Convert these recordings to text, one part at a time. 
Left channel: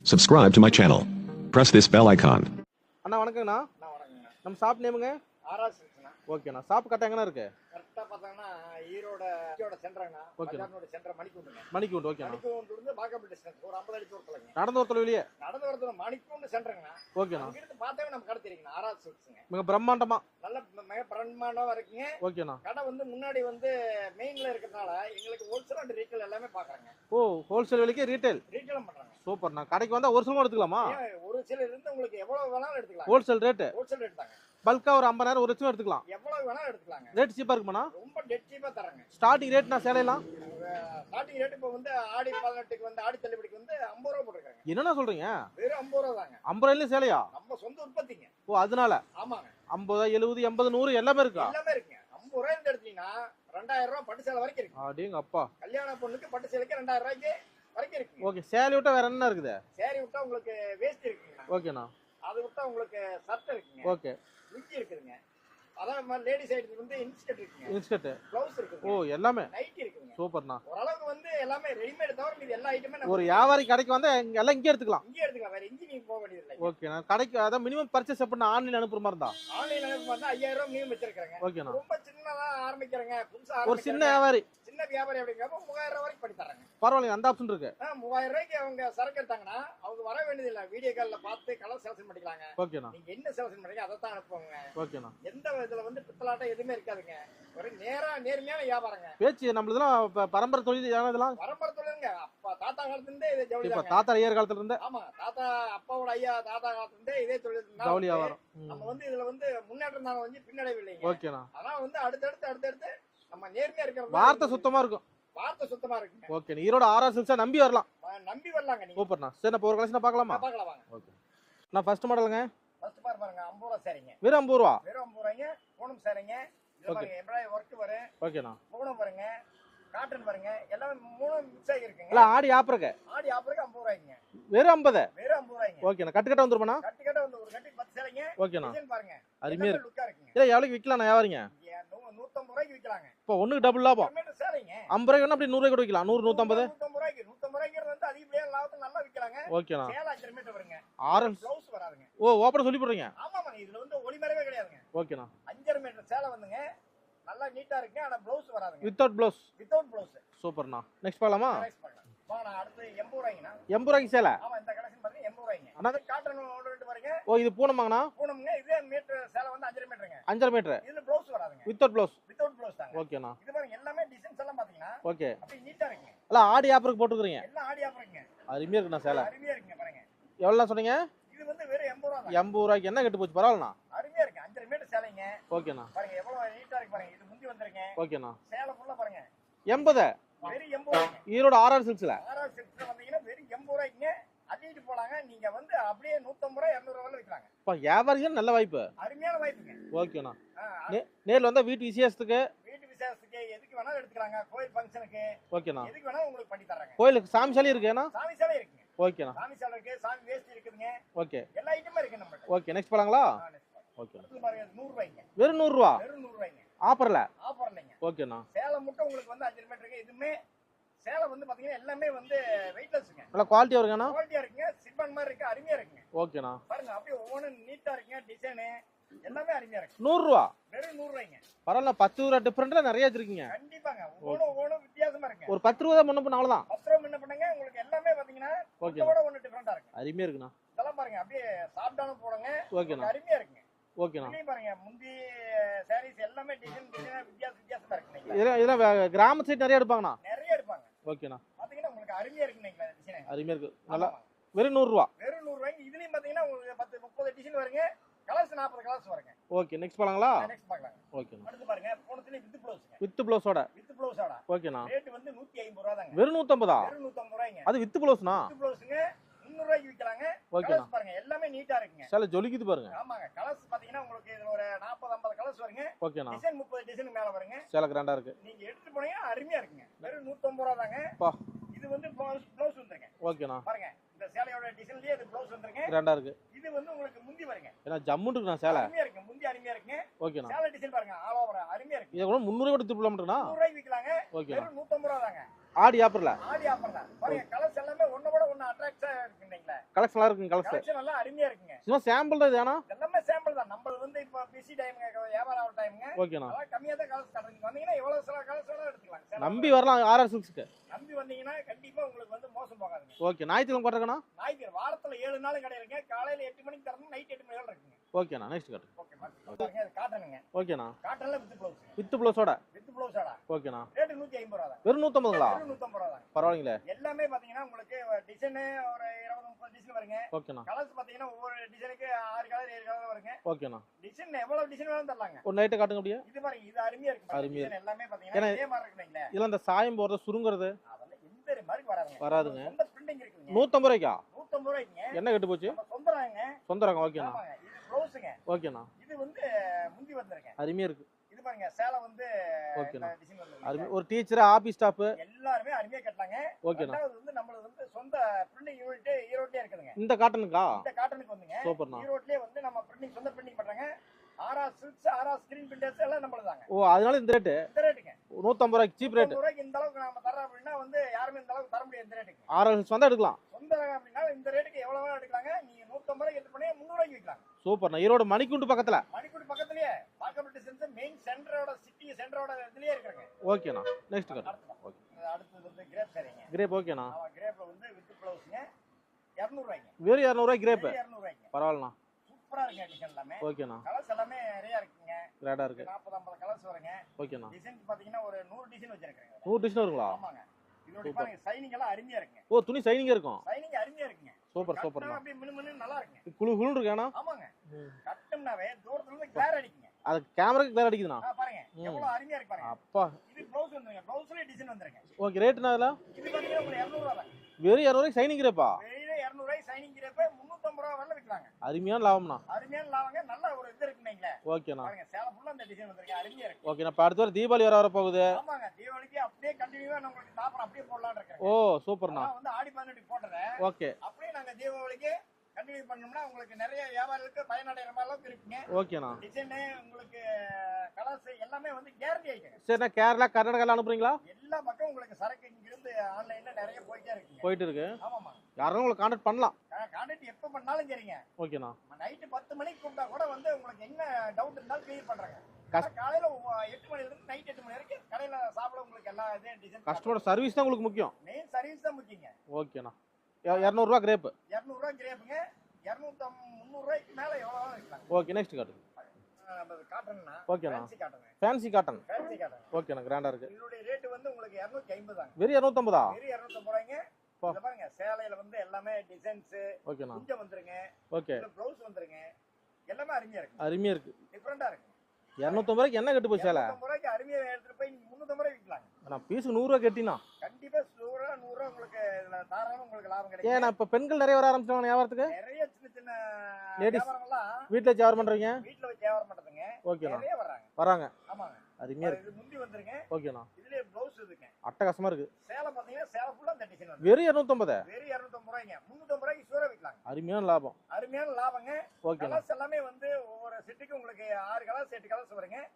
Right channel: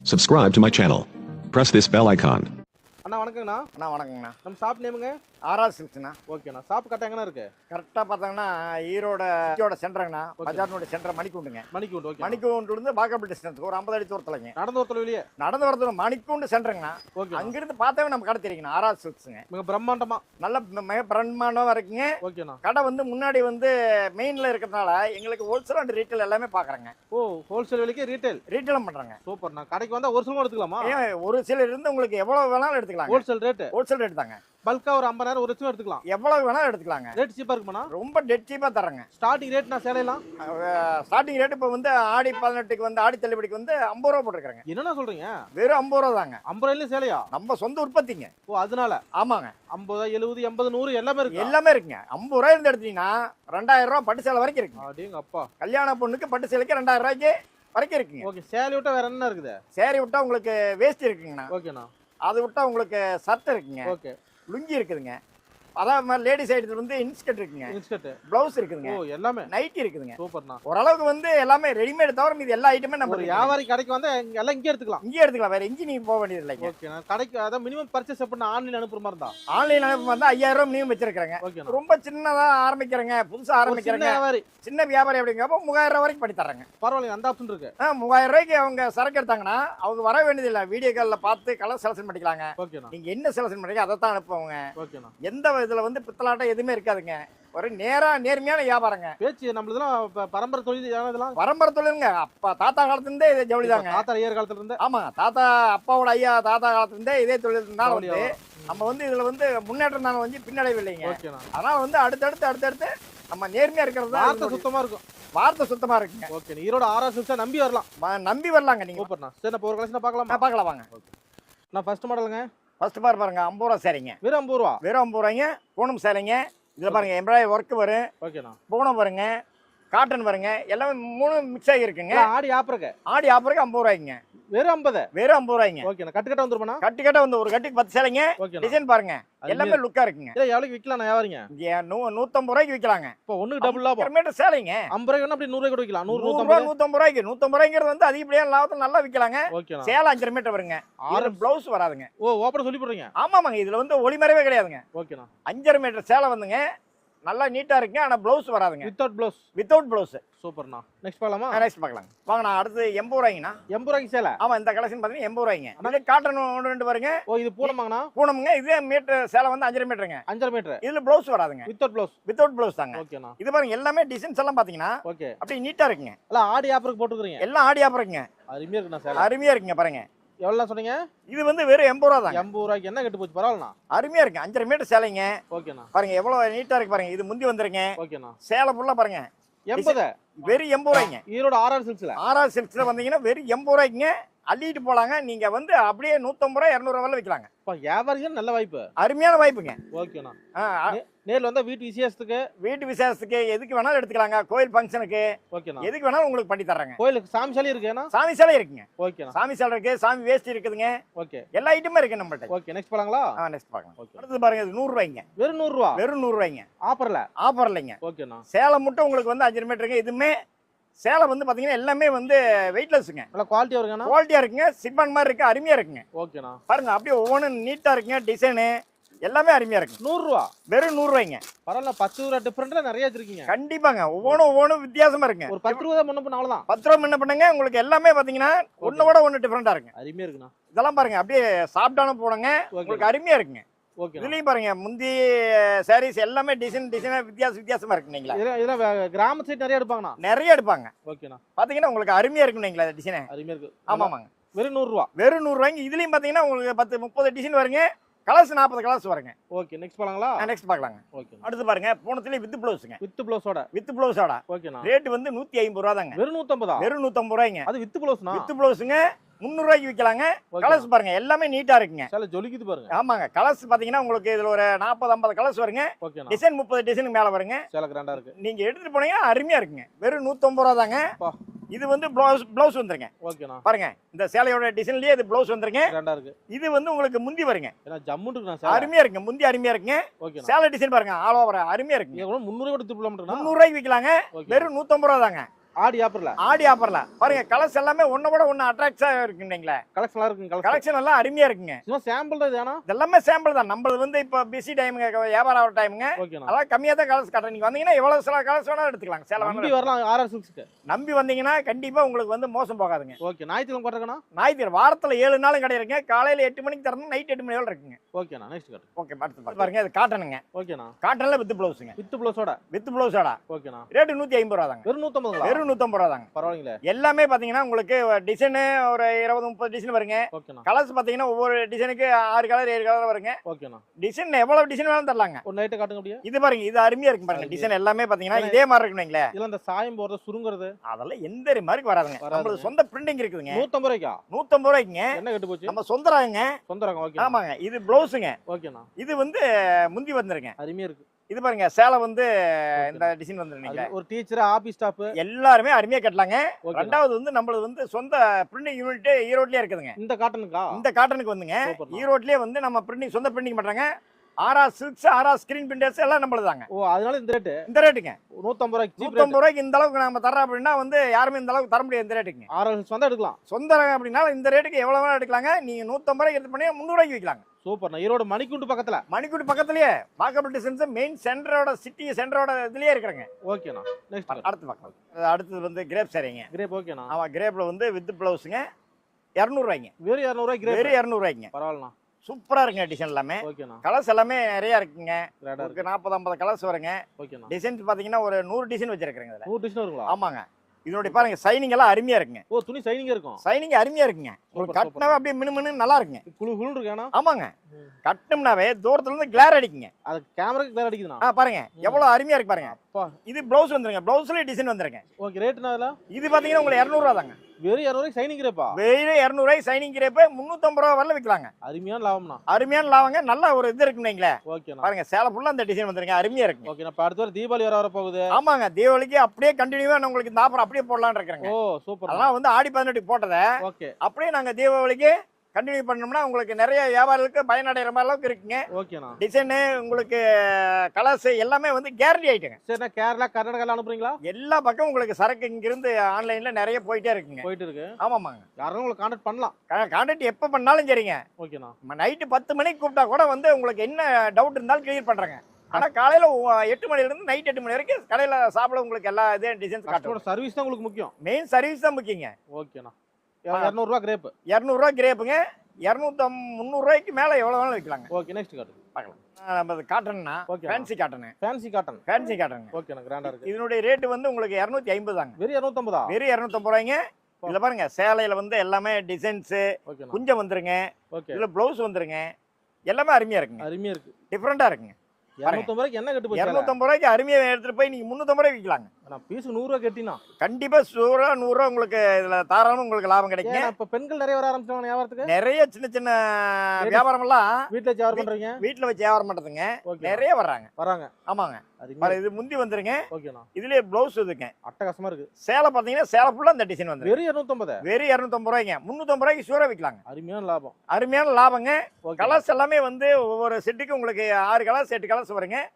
Subscribe to my channel. Press this bell icon. அண்ணா வணக்கங்கண்ணா அண்ணா வணக்கங்கண்ணா நம்ம shop நேமுங்க RR சில்க்ஸ்ண்ணா ஓகேண்ணா. Shop கரெக்டாக எங்கண்ணா இருக்கு? கரெக்டாக பார்த்தாங்கன்னா ஈரோட சென்டருங்கண்ணா. ஓகே. பஜார்னுடைய சென்டர் மணிக்கூண்டுங்க. மணிக்கூண்டு ஓகே மணிக்கூண்டு இருந்து பாக்கப்பிள் டிஸ்டன்ஸ் ஒரு ஐம்பது அடி தூரத்துலங்க. நடந்து ஒரு தொலைவிலேயே நடந்து வரது மணிக்கூண்டு சென்டருங்கண்ணா. ஓகேண்ணா. அங்கிருந்து பார்த்தாவே நம்ம கடை தெரியுங்கண்ணா. ஆர்ஆர் சில்க்ஸுங்க மிக பிரம்மாண்டமா. நல்ல மிக பிரம்மாண்டமாக இருக்குங்க. ஓகேண்ணா. கடை வந்து முன்னாடி வந்து மெயினில் இருக்கிறதுனால எங்களுக்கு ஹோல்சேல் அண்ட் ரீட்டைல் எல்லாமே பார்க்குறேங்க. ஓ ஹோல்சேல் விலைக்கு ரீட்டைல் ரீட்டைலும் பண்ணுறாங்க சூப்பர்ண்ணா. கடைக்கு வந்தா ஒரு சிலமும் எடுத்துக்கலாமா? ஒரு சிலர் இருந்து உங்களுக்கு எவ்வளோ வேணாலும் எடுத்துக்கலாம் ஹோல்சேல் ரேட்டு ஹோல்சேல் ரேட் தாங்க. பல்கா ஒரு ஐம்பதாயிரம் ஒரு லட்சம் எடுத்துக்கலாம். எவ்வளோ வேணாலும் எடுத்துக்கலாங்க. ரேட் சீப்பா இருக்குமாண்ணா? ரொம்ப டெட் சீப்பாக தரேங்க. ஸ்டார்டிங் ரேட்னா சேலையெல்லாம்? ஸ்டார்டிங் ரேட் இப்போ வந்து ஆடி பதினெட்டுக்கு வந்து ஆடி தள்ளுபடிக்கு வந்து ஐம்பது ரூபா போட்டுருக்காங்க என்னண்ணா சொல்றீங்க? வெறும் ஐம்பது ரூபா தாங்க. ஐம்பது ரூபாயிலும் சேலையா? நம்ம சொந்த உற்பத்திங்க. ஓ அதனால? ஆமாங்க. ஐம்பது எழுபது எண்பது நூறு எல்லாமே இருக்கு? எல்லாமே இருக்குங்க. ஐம்பது ரூபாய் இருந்து எடுத்தீங்கன்னா ரெண்டாயிரம் ரூபாய் பட்டு சேலை வரைக்கும் இருக்கு அப்படிங்க அப்பா கல்யாண பொண்ணுக்கு பட்டு சேலைக்கு ரெண்டாயிரம் ரூபாய்க்கு வரைக்கும் இருக்குங்க. ஓகே சேலை விட்டா வேற என்ன இருக்குது? சேரி விட்டா உங்களுக்கு வேஸ்ட் இருக்குங்கண்ணா. ஓகேண்ணா. அது விட்டா உங்களுக்கு சட்டை இருக்குங்க. ஓகே. லுங்கி இருக்குதுங்க. அதான் மாதிரி லேடிஸ் ஐட்டத்தில் வந்து இன்ஸ்கர்ட் இருக்குங்க. இன்ஸ்கர்ட் பிளவுஸ் ஓ இருக்குதுங்க எல்லாமே? நைட்டி இருக்குதுங்க. சூப்பர்ண்ணா. ஓரளவுக்கு வந்து எல்லாமே ரெடிமேட் தவிர மீது எல்லா ஐட்டமே நம்ம ஒரு வியாபாரி கடைக்கு வந்தா இங்க எல்லாம் இங்கே எடுத்துக்கலாம். இங்கே எடுத்துக்கலாம். வேற நீங்க போக வேண்டியது ஓகேண்ணா கடைக்கு அதான் மினிமம் பர்ச்சேஸ் எப்படின்னா ஆன்லைன் அனுப்புற மாதிரி இருந்தா? ஆன்லைன் வந்து ஐயாயிரம் ரூபாய் மினிமம் வச்சிருக்காங்க ஓகேண்ணா ரொம்ப சின்னதா ஆரம்பிக்கிறேங்க. புதுசா ஒரு சின்ன ஆரம்பிக்கிறேங்க. வியாபாரி. சின்ன வியாபாரி அப்படிங்கிறப்ப மூவாயிரம் ரூபாய் வரைக்கும் பண்ணி தர்றாங்க பரவாயில்லைங்க அந்த ஆப்ஷன் இருக்கு. ஆ, மூவாயிரம் ரூபாய்க்கு அவங்க சரக்கு எடுத்தாங்கன்னா அவங்க வர வேண்டியது இல்லை வீடியோ காலில் பார்த்து கலர் செலக்ஷன் பண்ணிக்கலாங்க. ஓகேண்ணா நீங்க என்ன செலக்ஷன் பண்ணீங்க அதை தான் அனுப்புவாங்க ஓகேண்ணா எந்த இதுல வந்து பித்தலாட்டம் எதுவுமே இருக்காதுங்க. ஒரு நேரா நேர்மையான வியாபாரங்க. பேச்சு நம்மளதெல்லாம் இப்ப பரம்பரை தொழில் இதெல்லாம் பரம்பரை தொழிலுங்க. அப்பா தாத்தா காலத்துல இருந்தே இதே ஜவுளி இப்ப தாங்க. தாத்தா ஐயர் காலத்துல இருந்து ஆமா தாத்தா அப்பாவோட ஐயா தாத்தா காலத்துல இருந்தே இதே தொழில் தான் நம்ம வந்து இதுல வந்து முன்னேற்றம் நாங்க வந்து பின்னடைவு இல்லைங்க ஓகேண்ணா. அதனால வந்து அடுத்தடுத்து அடுத்தடுத்து நம்ம நேர்மையா இருக்கிறது வார்த்தை சுத்தமா இருக்கும். வார்த்தை சுத்தமா இருக்குங்க. ஓகே ஈரோட ஆர்ஆர் சில்க்ஸா நம்பி வரலாம். நம்பி வரலாங்க நீங்க. சூப்பர்ண்ணா. சரி இப்போ ஒரு கலெக்ஷன் பார்க்கலாமா? நான் பார்க்கலாம் வாங்க. நான் ஃபர்ஸ்ட் மாடலுங்க ஃபர்ஸ்ட் பார் பாருங்க ஐம்பது ரூபா சரிங்க வெறும் ஐம்பது ரூபா? வெறும் ஐம்பது ரூபாய்ங்க பூனம் சேலைங்க. இதுல பாருங்க எம்ப்ராய்டரி ஒர்க் வரும். ஓகேண்ணா பூனம் பாருங்க காட்டன் பாருங்க. எல்லாமே மூணு மிக்ஸ் ஆகி இருக்குங்க ஆடி ஆப்பறக்க ஆடி ஆப்பருக்கு ஐம்பது ரூபாய்ங்க. வெறும் ஐம்பது? வெறும் ஐம்பது ரூபாய்ங்க. ஓகேண்ணா கட்டு கட்ட வந்துருமாண்ணா? கட்டு கட்ட வந்து ஒரு கட்டுக்கு பத்து சேலைங்க. டிசைன் பாருங்க. எல்லாமே லுக்கா இருக்குங்க. இல்லை எவ்வளோக்கு விற்கலாம் வியாபாரிங்க. நூத்தம்பது ரூபாய்க்கு விற்கலாங்க இப்போ ஒண்ணுக்கு டபுள் லாபம். மீட்டர் சேலைங்க. ஐம்பது ரூபாய்க்கு அப்படி நூறு ரூபாய் கூட விற்கலாம் நூறு நூற்றம்பது நூத்தம்பது. ரூபாய்க்கு நூத்தம்பது ரூபாய்ங்கிறது வந்து அதிகப்படியான லாபத்தில் நல்லா விற்கலாங்க ஓகேண்ணா சேலை அஞ்சரை மீட்டர் வருங்க. ஆறு பிளவுஸ் வராதுங்க. ஓ ஓப்பனை சொல்லி போடுறீங்க? ஆமாமாங்க. இதுல வந்து ஒளிமறைவே கிடையாதுங்க. ஓகேண்ணா அஞ்சரை மீட்டர் சேலை வந்துங்க. நல்லா நீட்டா இருக்குங்க. ஆனா பிளவுஸ் வராதுங்க. வித்தவுட் ப்ளவுஸ் வித்தவுட் பிளவுஸ் சூப்பர்ண்ணா. நெக்ஸ்ட் பார்க்கலாமா? நெக்ஸ்ட் பார்க்கலாம். வாங்க நான் அடுத்து எண்பது ரூபாய்ங்கண்ணா எண்பது ரூபாய்க்கு சேலை. ஆமா இந்த கலெக்ஷன் பாத்தீங்கன்னா எண்பது ரூபாய்ங்க அதாவது காட்டன் ஒன்று ரெண்டு பாருங்க. ஓ இது பூனமாங்கண்ணா? பூனமுங்க. இதே மீட்டர் சேலை வந்து அஞ்சரை மீட்டருங்க அஞ்சரை மீட்டர் இதுல பிளவுஸ் வராதுங்க. வித்தவுட் ப்ளவுஸ் வித்தவுட் பிளவுஸ் தாங்க. ஓகேண்ணா இது பாருங்க எல்லாமே டிசைன்ஸ் எல்லாம் பாத்தீங்கன்னா ஓகே அப்படியே நீட்டா இருக்குங்க. எல்லாம் ஆடி ஆப்பருக்கு போட்டுக்கிறீங்க. எல்லாம் ஆடியா பாருங்க அருமையா இருக்குண்ணா சேலை. அருமையா இருக்குங்க பாருங்க. எவ்வளோ சொன்னீங்க? இது வந்து வெறும் எண்பது ரூபா தாங்க எண்பது ரூபாய்க்கு என்ன கட்டு போச்சு? பரவாயில்லண்ணா. அருமையா இருக்கு. அஞ்சரை மீட்டர் சேலைங்க. ஓகேண்ணா. பாருங்க எவ்வளவு நீட்டா இருக்கு பாருங்க. இது முந்தி வந்துருங்க ஓகேண்ணா. சேலை ஃபுல்லா பாருங்க. எண்பது? வெறும் எண்பது ரூபாய்ங்க. ஈரோடு ஆர்ஆர் சில்க்ஸ்ல. ஆர்ஆர் சில்க்ஸ்ல வந்தீங்கன்னா வெறும் எண்பது ரூபாய்க்குங்க அள்ளிட்டு போலாங்க. நீங்க வந்து அப்படியே நூத்தம்பது ரூபா இரநூறு ரூபாய் விற்கலாங்க இப்போ வியாபாரிகள் நல்ல வாய்ப்பு. அருமையான வாய்ப்புங்க. ஓகேண்ணா நேர்ல வந்தா வீட்டு விசேஷத்துக்கு. வீட்டு விசேஷத்துக்கு எதுக்கு வேணாலும் எடுத்துக்கலாங்க. கோயில் ஃபங்க்ஷனுக்கு ஓகேண்ணா எதுக்கு வேணாலும் உங்களுக்கு பண்ணி தர்றேங்க. கோயிலுக்கு சாமி சாலி இருக்குண்ணா சாமி சேலை இருக்குங்க. ஓகேண்ணா சாமி சேலை இருக்கு சாமி வேஷ்டி இருக்குதுங்க. ஓகே எல்லா ஐட்டமும் இருக்கு நம்மள்ட்ட. ஓகே நெக்ஸ்ட் போலாங்களா? ஆ நெக்ஸ்ட் பார்க்கலாம் ஓகே அடுத்தது பாருங்க இது நூறு ரூபாய்ங்க. வெறும் நூறுரூவா வெறும் நூறு ரூபாய்ங்க. ஆஃபர்ல ஆஃபர் இல்லைங்க. ஓகேண்ணா சேலை மட்டும் உங்களுக்கு வந்து அஞ்சு மீட்டருங்க இதுவுமே சேலை வந்து பாத்தீங்கன்னா எல்லாமே வந்து வெயிட்லெஸ்ஸுங்க நல்லா குவாலிட்டியா இருக்குண்ணா குவாலிட்டியா இருக்குங்க சிப்பான் மாதிரி இருக்கு அருமையா இருக்குங்க. ஓகேண்ணா பாருங்க அப்படியே ஒவ்வொன்றும் நீட்டா இருக்குங்க டிசைனு எல்லாமே அருமையா இருக்கு நூறுரூவா? வெறும் நூறு ரூபாய்ங்க பரவாயில்ல பத்து ரூபா டிஃப்ரெண்ட்ல நிறைய வச்சிருக்கீங்க. கண்டிப்பாங்க ஒவ்வொன்றும் ஒவ்வொன்றும் வித்தியாசமா இருக்குங்க. ஒரு பத்து ரூபா முன்ன பண்ண அவ்வளவுதான். பத்து ரூபா முன்ன பண்ணுங்க உங்களுக்கு எல்லாமே பாத்தீங்கன்னா ஒண்ணு கூட ஒண்ணு டிஃபரெண்டா இருக்குங்க. அருமையா இருக்குண்ணா. இதெல்லாம் பாருங்க அப்படியே சாப்பிட்டாலும் போடுங்க உங்களுக்கு அருமையா இருக்குங்க. ஓகேண்ணா. இதுலயும் பாருங்க முந்தி சாரீஸ் எல்லாமே டிசைன் டிசைனா வித்தியாச வித்தியாசமா இருக்குங்களா இதெல்லாம் இதெல்லாம் கிராம சைடு நிறைய எடுப்பாங்கண்ணா. நிறைய எடுப்பாங்க. ஓகேண்ணா. பாத்தீங்கன்னா உங்களுக்கு அருமையா இருக்குங்களா டிசைன் அருமையா இருக்கு. ஆமாமாங்க. வெறும் நூறுரூவா. வெறும் நூறு ரூபாய்க்கு இதுலயும் பாத்தீங்கன்னா உங்களுக்கு பத்து முப்பது டிசைன் வருங்க. கலர்ஸ் நாற்பது கலர்ஸ் வருங்க. ஓகே நெக்ஸ்ட் போலாங்களா நெக்ஸ்ட் பார்க்கலாங்க. ஓகேண்ணா. அடுத்து பாருங்க போனத்துலயே வித் பிளவுஸுங்க வித் ப்ளவுஸோட வித் பிளவுஸோட ஓகேண்ணா. ரேட் வந்து நூத்தி ஐம்பது ரூபா தாங்க வெறும் நூத்தம்பதா? வெறும் நூத்தம்பது ரூபாய்ங்க. அது வித் ப்ளவுஸ்ண்ணா வித் பிளவுஸுங்க முந்நூறு ரூபாய்க்கு விற்கலாங்க ஓகே கலர்ஸ் பாருங்க எல்லாமே நீட்டா இருக்குங்க. சேலை ஜொலிக்குது பாருங்க. ஆமாங்க கலர்ஸ் பாத்தீங்கன்னா உங்களுக்கு இதுல ஒரு நாற்பது ஐம்பது கலர்ஸ் வருங்க. டிசைன் முப்பது டிசைனுக்கு மேல வருங்க. சேலை கிராண்டா இருக்கு. நீங்க எடுத்துட்டு போனீங்கன்னா அருமையா இருக்குங்க. வெறும் நூத்தம்பது ரூபா தாங்க. இது வந்து பிளவுஸ் பிளவுஸ் வந்துருங்க. ஓகேண்ணா பாருங்க இந்த சேலையோட டிசைன்லயே இது பிளவுஸ் வந்துருங்க. கிராண்டா இருக்கு. இது வந்து உங்களுக்கு முந்தி வருங்க. ஏன்னா ஜம்முன்னு இருக்குண்ணா சேலை. அருமையா இருக்குங்க முந்தி அருமையா இருக்குங்க. ஓகேண்ணா சேலை டிசைன் பாருங்க ஆல் ஓவர் அருமையா கூட முந்நூறு திருப்பலாம்ன்றா முந்நூறு ரூபாய்க்கு விற்கலாங்க ஓகே வெறும் நூத்தம்பது ரூபா தாங்க. ஆடி ஆப்பர்ல. ஆடி ஆஃபர்ல பாருங்க கலர்ஸ் எல்லாமே ஒன்ன விட ஒன்னு அட்ராக்டா இருக்குங்களே கலெக்ஷனா இருக்குங்க கலெக்ஷன் எல்லாம் அருமையா இருக்குங்க. சும்மா சாம்பிள் தான் இது ஆனா இதெல்லாமே சாம்பிள் தான். நம்மளது வந்து இப்போ பிஸி டைமுங்க வியாபாரம் ஆகிற டைமுங்க அதெல்லாம் கம்மியா தான் கலர்ஸ் காட்டுறேன். நீங்க வந்தீங்கன்னா எவ்வளவு சில கலர்ஸ் வேணாலும் எடுத்துக்கலாம் சேலம் நம்பி வரலாம் ஆர்ஆர் சில்க்ஸ்க்கு. நம்பி வந்தீங்கன்னா கண்டிப்பா உங்களுக்கு வந்து மோசம் போகாதுங்க. ஓகே ஞாயிற்றுக்கிழமை போட்டிருக்கேண்ணா. ஞாயிற்று வாரத்துல ஏழு நாளும் கடை இருக்குங்க. காலையில எட்டு மணிக்கு திறந்து நைட் எட்டு மணி வரை இருக்குங்க ஓகேண்ணா நெக்ஸ்ட் காட்டு. ஓகே பார்த்து பாருங்க இது காட்டனுங்க ஓகேண்ணா காட்டன்ல வித் பிளவுஸுங்க வித் ப்ளவுஸோட வித் பிளவுஸோட ஓகேண்ணா ரேட்டு நூத்தி ஐம்பது ரூபா தாங்க வெறும் நூற்றம்பதுங்களா வெறும் நூத்தம்பது ரூபா தாங்க பரவாயில்லைங்களே. எல்லாமே பாத்தீங்கன்னா உங்களுக்கு டிசைனு ஒரு இருபது முப்பது டிசைன் வருங்க. ஓகேண்ணா. கலர்ஸ் பாத்தீங்கன்னா ஒவ்வொரு டிசைனுக்கு ஆறு கலர் ஏழு கலர் வருங்க. ஓகேண்ணா. டிசைன் எவ்வளவு டிசைன் வேணாலும் தரலாங்க. ஒரு நைட்டை காட்டுங்க அப்படியே. இது பாருங்க இது அருமையா இருக்கு பாருங்க. டிசைன் எல்லாமே பாத்தீங்கன்னா இதே மாதிரி இருக்குங்களே இதுல அந்த சாயம் போறது சுருங்குறது. அதெல்லாம் எந்த மாதிரி வராதுங்க. நம்மளுக்கு சொந்த பிரிண்டிங் இருக்குதுங்க. நூத்தம்பது ரூபாய்க்கா? நூத்தம்பது ரூபாய்க்குங்க. என்ன கெட்டு போச்சு? நம்ம சொந்த ரகங்க. சொந்த ரகம் ஓகே ஆமாங்க இது பிளவுஸுங்க ஓகேண்ணா. இது வந்து முந்தி வந்துருங்க. அருமையா இருக்கு. இது பாருங்க சேலை வந்து. இந்த டிசைன் அருமை- ஒரு டீச்சர் ஆபீஸ் ஸ்டாஃப் எல்லாருமே அருமையா கட்டலாங்க. ரெண்டாவது வந்து நம்மளது வந்து சொந்த பிரிண்டிங் யூனிட் ஈரோட்லயே இருக்குதுங்க. இந்த காட்டனுக்கா இந்த காட்டனுக்கு வந்துங்க. ஈரோட்லயே வந்து நம்ம பிரிண்டிங் சொந்த பிரிண்டிங் பண்றாங்க. Aara silks Aara screen printers எல்லாம் நம்மளுதாங்க. ஓ அதனால இந்த ரேட்டு இந்த ரேட்டுங்க நூத்தம்பது ரூபாய்க்கு சீப் ரேட் நூத்தம்பது ரூபாய்க்கு இந்த அளவுக்கு நம்ம தரோம் அப்படின்னா வந்து யாருமே இந்த அளவுக்கு தர முடியாது இந்த ரேட்டுங்க ஆறு சொந்தம் எடுக்கலாம். சொந்த அப்படின்னா இந்த ரேட்டுக்கு எவ்வளவு வேணா எடுக்கலாங்க. நீங்க நூத்தம்பது ரூபாய்க்கு எடுத்து பண்ணி முந்நூறு ரூபாய்க்கு விற்கலாங்க சூப்பர்ண்ணா ஈரோடு மணிக்குண்டு பக்கத்துல. மணிக்கூட்டு பக்கத்துலயே வாக்கபிள் டிஸ்டன்ஸ் மெயின் சென்டரோட சிட்டி சென்டரோட இதுலயே இருக்கிறாங்க. ஓகேண்ணா நெக்ஸ்ட் அடுத்து பக்கம் அடுத்தது வந்து கிரேப் சரிங்க. கிரேப் ஓகேண்ணா ஆமா கிரேப்ல வந்து வித் பிளவுஸுங்க இரநூறுவாய்ங்க. வெறும் இரநூறுவாய் கிரேப் வெறும் இரநூறுவாய்ங்க. பரவாயில்லண்ணா. சூப்பரா இருக்குங்க டிசைன் எல்லாமே. ஓகேண்ணா. கலர்ஸ் எல்லாமே நிறைய இருக்குங்க. இருக்கு. நாற்பது ஐம்பது கலர்ஸ் வருங்க. ஓகேண்ணா. டிசைன்ஸ் பாத்தீங்கன்னா ஒரு நூறு டிசைன் வச்சிருக்கிறேங்க இதுல. நூறு டிஷன் வருங்களா? ஆமாங்க. இதனுடைய பாருங்க சைனிங் எல்லாம் அருமையா இருக்குங்க. ஓ துணி சைனிங் இருக்கும்? சைனிங் அருமையா இருக்குங்க. சூப்பர் கட்டினாவே அப்படியே மினுமினு நல்லா இருக்குங்க. குழு குழு இருக்கேண்ணா ஆமாங்க. கட்டினோம்னாவே தூரத்துல இருந்து கிளார் அடிக்குங்க. அது கேமராக்கு கிளியர் அடிக்குதுண்ணா? ஆ பாருங்க. எவ்வளவு அருமையா இருக்கு பாருங்க. அப்பா. இது பிளவுஸ் வந்துருங்க. பிளவுஸ்ல டிசைன் வந்துருங்க. ஓகே ரேட்டுண்ணா அதில் இது பாத்தீங்கன்னா உங்களுக்கு இரநூறுவா தாங்க. வெறும் இரநூறுவாய்க்கு சைனிங் கிரேப்பா வெறும் இரநூறுவாய் சைனிங் கிரேப்பு முந்நூத்தம்பது ரூபா வரல விற்கலாங்க அருமையான லாபம்ண்ணா. அருமையான லாபங்க நல்ல ஒரு இது இருக்குங்களே ஓகேண்ணா பாருங்க சேலை ஃபுல்லா அந்த டிசைன் வந்துருங்க அருமையா இருக்குங்க ஓகேண்ணா இப்போ அடுத்த வாரம் தீபாவளி வர வர போகுது ஆமாங்க தீபாவளிக்கு அப்படியே கண்டினியூவா நான் உங்களுக்கு இந்த ஆஃபர் அப்படியே போடலாம்னு இருக்கிறேங்க. ஓ சூப்பர்ண்ணா. அதெல்லாம் வந்து ஆடி பதினெட்டு போட்டதை ஓகே அப்படியே நாங்க தீபாவளிக்கு கண்டினியூ பண்ணோம்னா உங்களுக்கு நிறைய வியாபாரிகளுக்கு பயனடைகிற மாதிரி அளவுக்கு இருக்குங்க. ஓகேண்ணா டிசைனு உங்களுக்கு கலர்ஸ் எல்லாமே வந்து கேரண்டி ஆயிட்டுங்க. சரிண்ணா கேரளா கர்நாடகாலாம் அனுப்புறீங்களா? எல்லா பக்கம் உங்களுக்கு சரக்கு இங்கிருந்து ஆன்லைன்ல நிறைய போயிட்டே இருக்குங்க. போயிட்டு இருக்கு. ஆமாமாங்க. யாரும் உங்களை கான்டாக்ட் பண்ணலாம். கான்டாக்ட் எப்போ பண்ணாலும் சரிங்க. ஓகேண்ணா நைட்டு பத்து மணிக்கு கூப்பிட்டா கூட வந்து உங்களுக்கு என்ன டவுட் இருந்தாலும் கிளியர் பண்றேங்க. ஆனா காலையில எட்டு மணில இருந்து நைட் எட்டு மணி வரைக்கும் கடையில சாப்பிட உங்களுக்கு எல்லா இதே டிசைன்ஸ் காட்டும் கஸ்டமர் சர்வீஸ் தான் உங்களுக்கு முக்கியம். மெயின் சர்வீஸ் தான் முக்கியங்க. ஓகேண்ணா இரநூறுவா கிரேப் இரநூறுவா கிரேப்புங்க இரநூத்தம் முந்நூறுரூவாய்க்கு மேலே எவ்வளோ வேணாலும் விற்கலாங்க. ஓகே நெக்ஸ்ட் காட்டு. பார்க்கலாம். நம்ம காட்டன்னா ஓகேண்ணா fancy cotton fancy cotton fancy காட்டனுங்க ஓகேண்ணா கிராண்டா இருக்கு. இதனுடைய ரேட்டு வந்து உங்களுக்கு இரநூத்தி ஐம்பது தாங்க. வெறும் இரநூத்தம்பதா? வெறும் இரநூத்தம்பது ரூபாய்ங்க இதுல பாருங்க சேலையில வந்து எல்லாமே டிசைன்ஸ் குஞ்சம் வந்துருங்க. ஓகே இதுல பிளவுஸ் வந்துருங்க. எல்லாமே அருமையா இருக்குங்க. அருமையா இருக்கு. டிஃப்ரெண்டா இருக்குங்க. இரநூத்தம்பது ரூபாய்க்கு என்ன கட்டு போச்சு இரநூத்தம்பது ரூபாய்க்கு அருமையா எடுத்துட்டு போய் நீங்க முந்நூத்தம்பது ரூபாய் விற்கலாங்க. நான் பீஸுக்கு நூறுரூவா கட்டினா? கண்டிப்பா சூறா நூறுரூவா உங்களுக்கு இதுல தாராளம் உங்களுக்கு லாபம் கிடைக்கும். ஏன்னா இப்போ பெண்கள் நிறைய வர ஆரம்பிச்சாங்க வியாபாரத்துக்கு? நிறைய சின்ன சின்ன Ladies. வியாபாரம் எல்லாம் வீட்டில் வியாபாரம் பண்றீங்க? வீட்டுல வச்சு வியாபாரம் பண்றதுங்க. ஓகே நிறைய வர்றாங்க. வராங்க ஆமாங்க. இது முந்தி வந்துருங்க. ஓகேண்ணா. இதுலயே பிளவுஸ் இதுங்க. அட்டகாசமா இருக்கு. சேலை பாத்தீங்கன்னா சேலை ஃபுல்லா இந்த டிசைன் வந்து வெறும் இரநூத்தம்பது? வெறும் இரநூத்தம்பது ரூபாய்ங்க. முந்நூத்தம்பது ரூபாய்க்கு சூறா விற்கலாங்க. அருமையான லாபம். அருமையான லாபங்க. கலர்ஸ் எல்லாமே வந்து ஒவ்வொரு செட்டுக்கு உங்களுக்கு ஆறு கலர்ஸ் எட்டு கலர்ஸ் வருங்க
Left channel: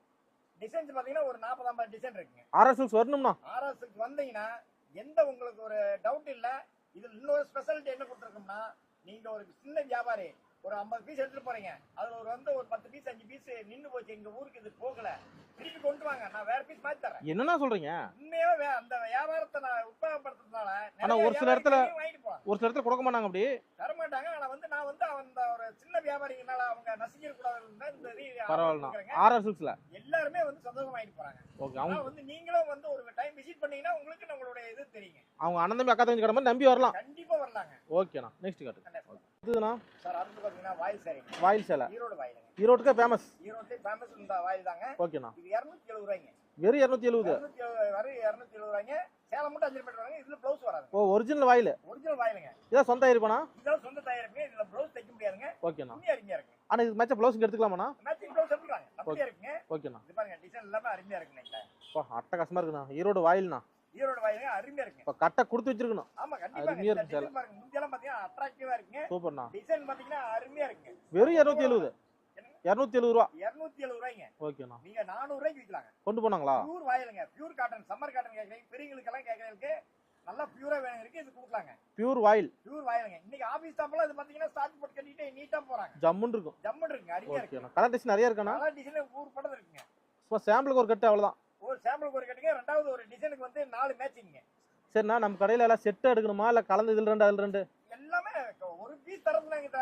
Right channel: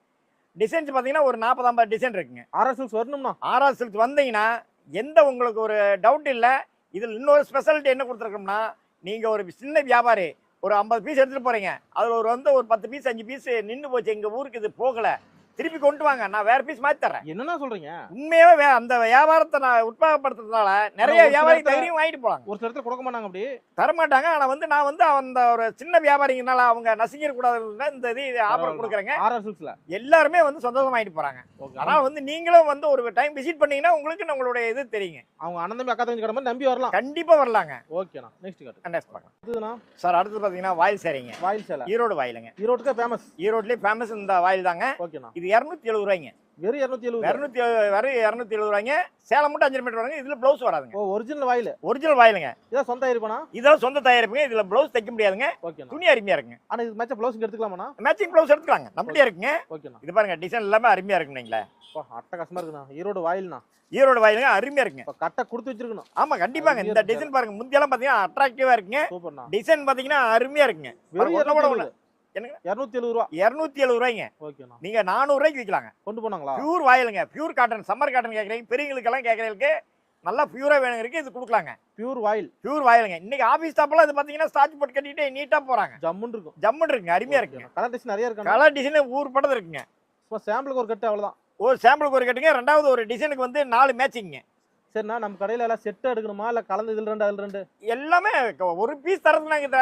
டிசைன்ஸ் பார்த்தீங்கன்னா ஒரு நாற்பது ஐம்பது டிசைன் இருக்குங்க. ஆர்எஸ்எல்ஸ் வரணும்னா? ஆர்ஆர் வந்தீங்கன்னா எந்த உங்களுக்கு ஒரு டவுட் இல்லை இதில் இன்னொரு ஸ்பெஷாலிட்டி என்ன கொடுத்துருக்கோம்னா நீங்கள் ஒரு சின்ன வியாபாரி ஒரு ஐம்பது பீஸ் எடுத்துகிட்டு போகிறீங்க அதில் ஒரு வந்து ஒரு பத்து பீஸ் அஞ்சு பீஸ் நின்று போச்சு எங்கள் ஊருக்கு இது போகலை. திருப்பி கொண்டு வாங்க நான் வேற பீஸ் மாற்றி தரேன் என்னண்ணா சொல்றீங்க? உண்மையாவே அந்த வியாபாரத்தை நான் உற்சாகப்படுத்துறதுனால நிறைய ஒரு சில வியாபாரி இடத்துல- தைரியம் வாங்கிட்டு போகலாம் ஒரு சில இடத்துல கொடுக்க மாட்டாங்க அப்படி? தரமாட்டாங்க. ஆனா வந்து நான் வந்து அந்த ஒரு சின்ன வியாபாரிங்கனால அவங்க நசிக்கிற கூடாது இந்த இது ஆஃபர். கொடுக்குறேங்க. ஆர்எஸ்எல்ஸ்ல எல்லாருமே வந்து சந்தோஷமா ஆயிட்டு போறாங்க. ஆனா வந்து நீங்களும் வந்து ஒரு டைம் விசிட் பண்ணீங்கன்னா உங்களுக்கு நம்மளுடைய இது தெரியுங்க. அவங்க அண்ணன் அக்கா தம்பி கடை மாதிரி நம்பி வரலாம். கண்டிப்பா வரலாங்க. ஓகேண்ணா நெக்ஸ்ட் காட்டு Next பார்க்கலாம். இதுண்ணா சார் அடுத்து பாத்தீங்கன்னா வாயில் சரிங்க வாயில் சேலை. ஈரோடு வாயிலுங்க. ஈரோட்டுக்கே ஃபேமஸ் ஈரோட்லயே ஃபேமஸ் இந்த வாயில் தாங்க ஓகேண்ணா இது இரநூத்தி எழுபது ரூபாய்ங்க. வெறும் இரநூத்தி எழுபது இரநூத்தி வெறும் இரநூத்தி எழுபது ரூபாய்ங்க. சேலம் மட்டும் அஞ்சு மீட்டர் வருங்க. இதுல பிளவுஸ் வராதுங்க. ஓ ஒரிஜினல் வாயில்? ஒரிஜினல் வாயிலுங்க. இதான் சொந்த இருப்பானா இதெல்லாம் சொந்த தயாரிப்புங்க இதுல பிளவுஸ் தைக்க முடியாதுங்க. ஓகேண்ணா துணி அருமையா இருக்குங்க. ஆனா இது மேட்ச ப்ளவுஸ் எடுத்துக்கலாமாண்ணா? மேட்சிங் பிளவுஸ் எடுத்துக்கலாங்க. நம்மளே இருக்குங்க. ஓகேண்ணா இது பாருங்க டிசைன் எல்லாமே அருமையா இருக்குங்களே அப்பா அட்டகாசமா இருக்குண்ணா. ஈரோடு வாயில்ண்ணா. ஈரோடு வாயிலுங்க அருமையா இருக்குங்க. இப்போ கட்டை கொடுத்து வச்சிருக்கணும். ஆமா கண்டிப்பாங்க. இந்த இருக்கு டிசைன் பாருங்க முந்தியெல்லாம் பாத்தீங்கன்னா அட்ராக்டிவா இருக்குங்க. டிசைன் பாத்தீங்கன்னா அருமையா இருக்குங்க. வெறும் இரநூத்தி எழுபது ரூபா. இருநூத்தி எழுபது ரூபாய்ங்க. ஓகேண்ணா. நீங்க நானூறு ரூபாய்க்கு விற்கலாங்க கொண்டு போனாங்களா? பியூர் வாயிலுங்க. பியூர் காட்டன் சம்மர் காட்டன் கேக்குறீங்க. பெரியவங்களுக்கு எல்லாம் கேக்குறீங்களுக்கு நல்லா பியூரா வேணுங்கிறதுக்கு இது கொடுக்கலாங்க. Pure voile. பியூர் வாயிலுங்க. இன்னைக்கு ஆபீஸ் ஸ்டாப்லாம் இது பாத்தீங்கன்னா ஸ்டார்ச் போட்டு கட்டிட்டு நீட்டா போறாங்க. ஜம்முன்னு இருக்கும். ஜம்முன்னு இருக்குங்க. அருமையா இருக்குங்க. கலர் டிஷன் நிறைய இருக்கா கலர் டிசைன் ஊர் பட்டது இருக்குங்க. சாம்பிளுக்கு ஒரு கட்டு அவ்வளவுதான். ஒரு சாம்பிளுக்கு ஒரு கட்டுங்க. ரெண்டாவது ஒரு டிசைனுக்கு வந்து நாலு மேட்சிங்க சரிண்ணா நம்ம கடையில எல்லாம் செட்டு எடுக்கணுமா? இல்ல கலந்து இதுல ரெண்டு அதுல ரெண்டு? எல்லாமே ஒரு பீஸ் தரது நாங்க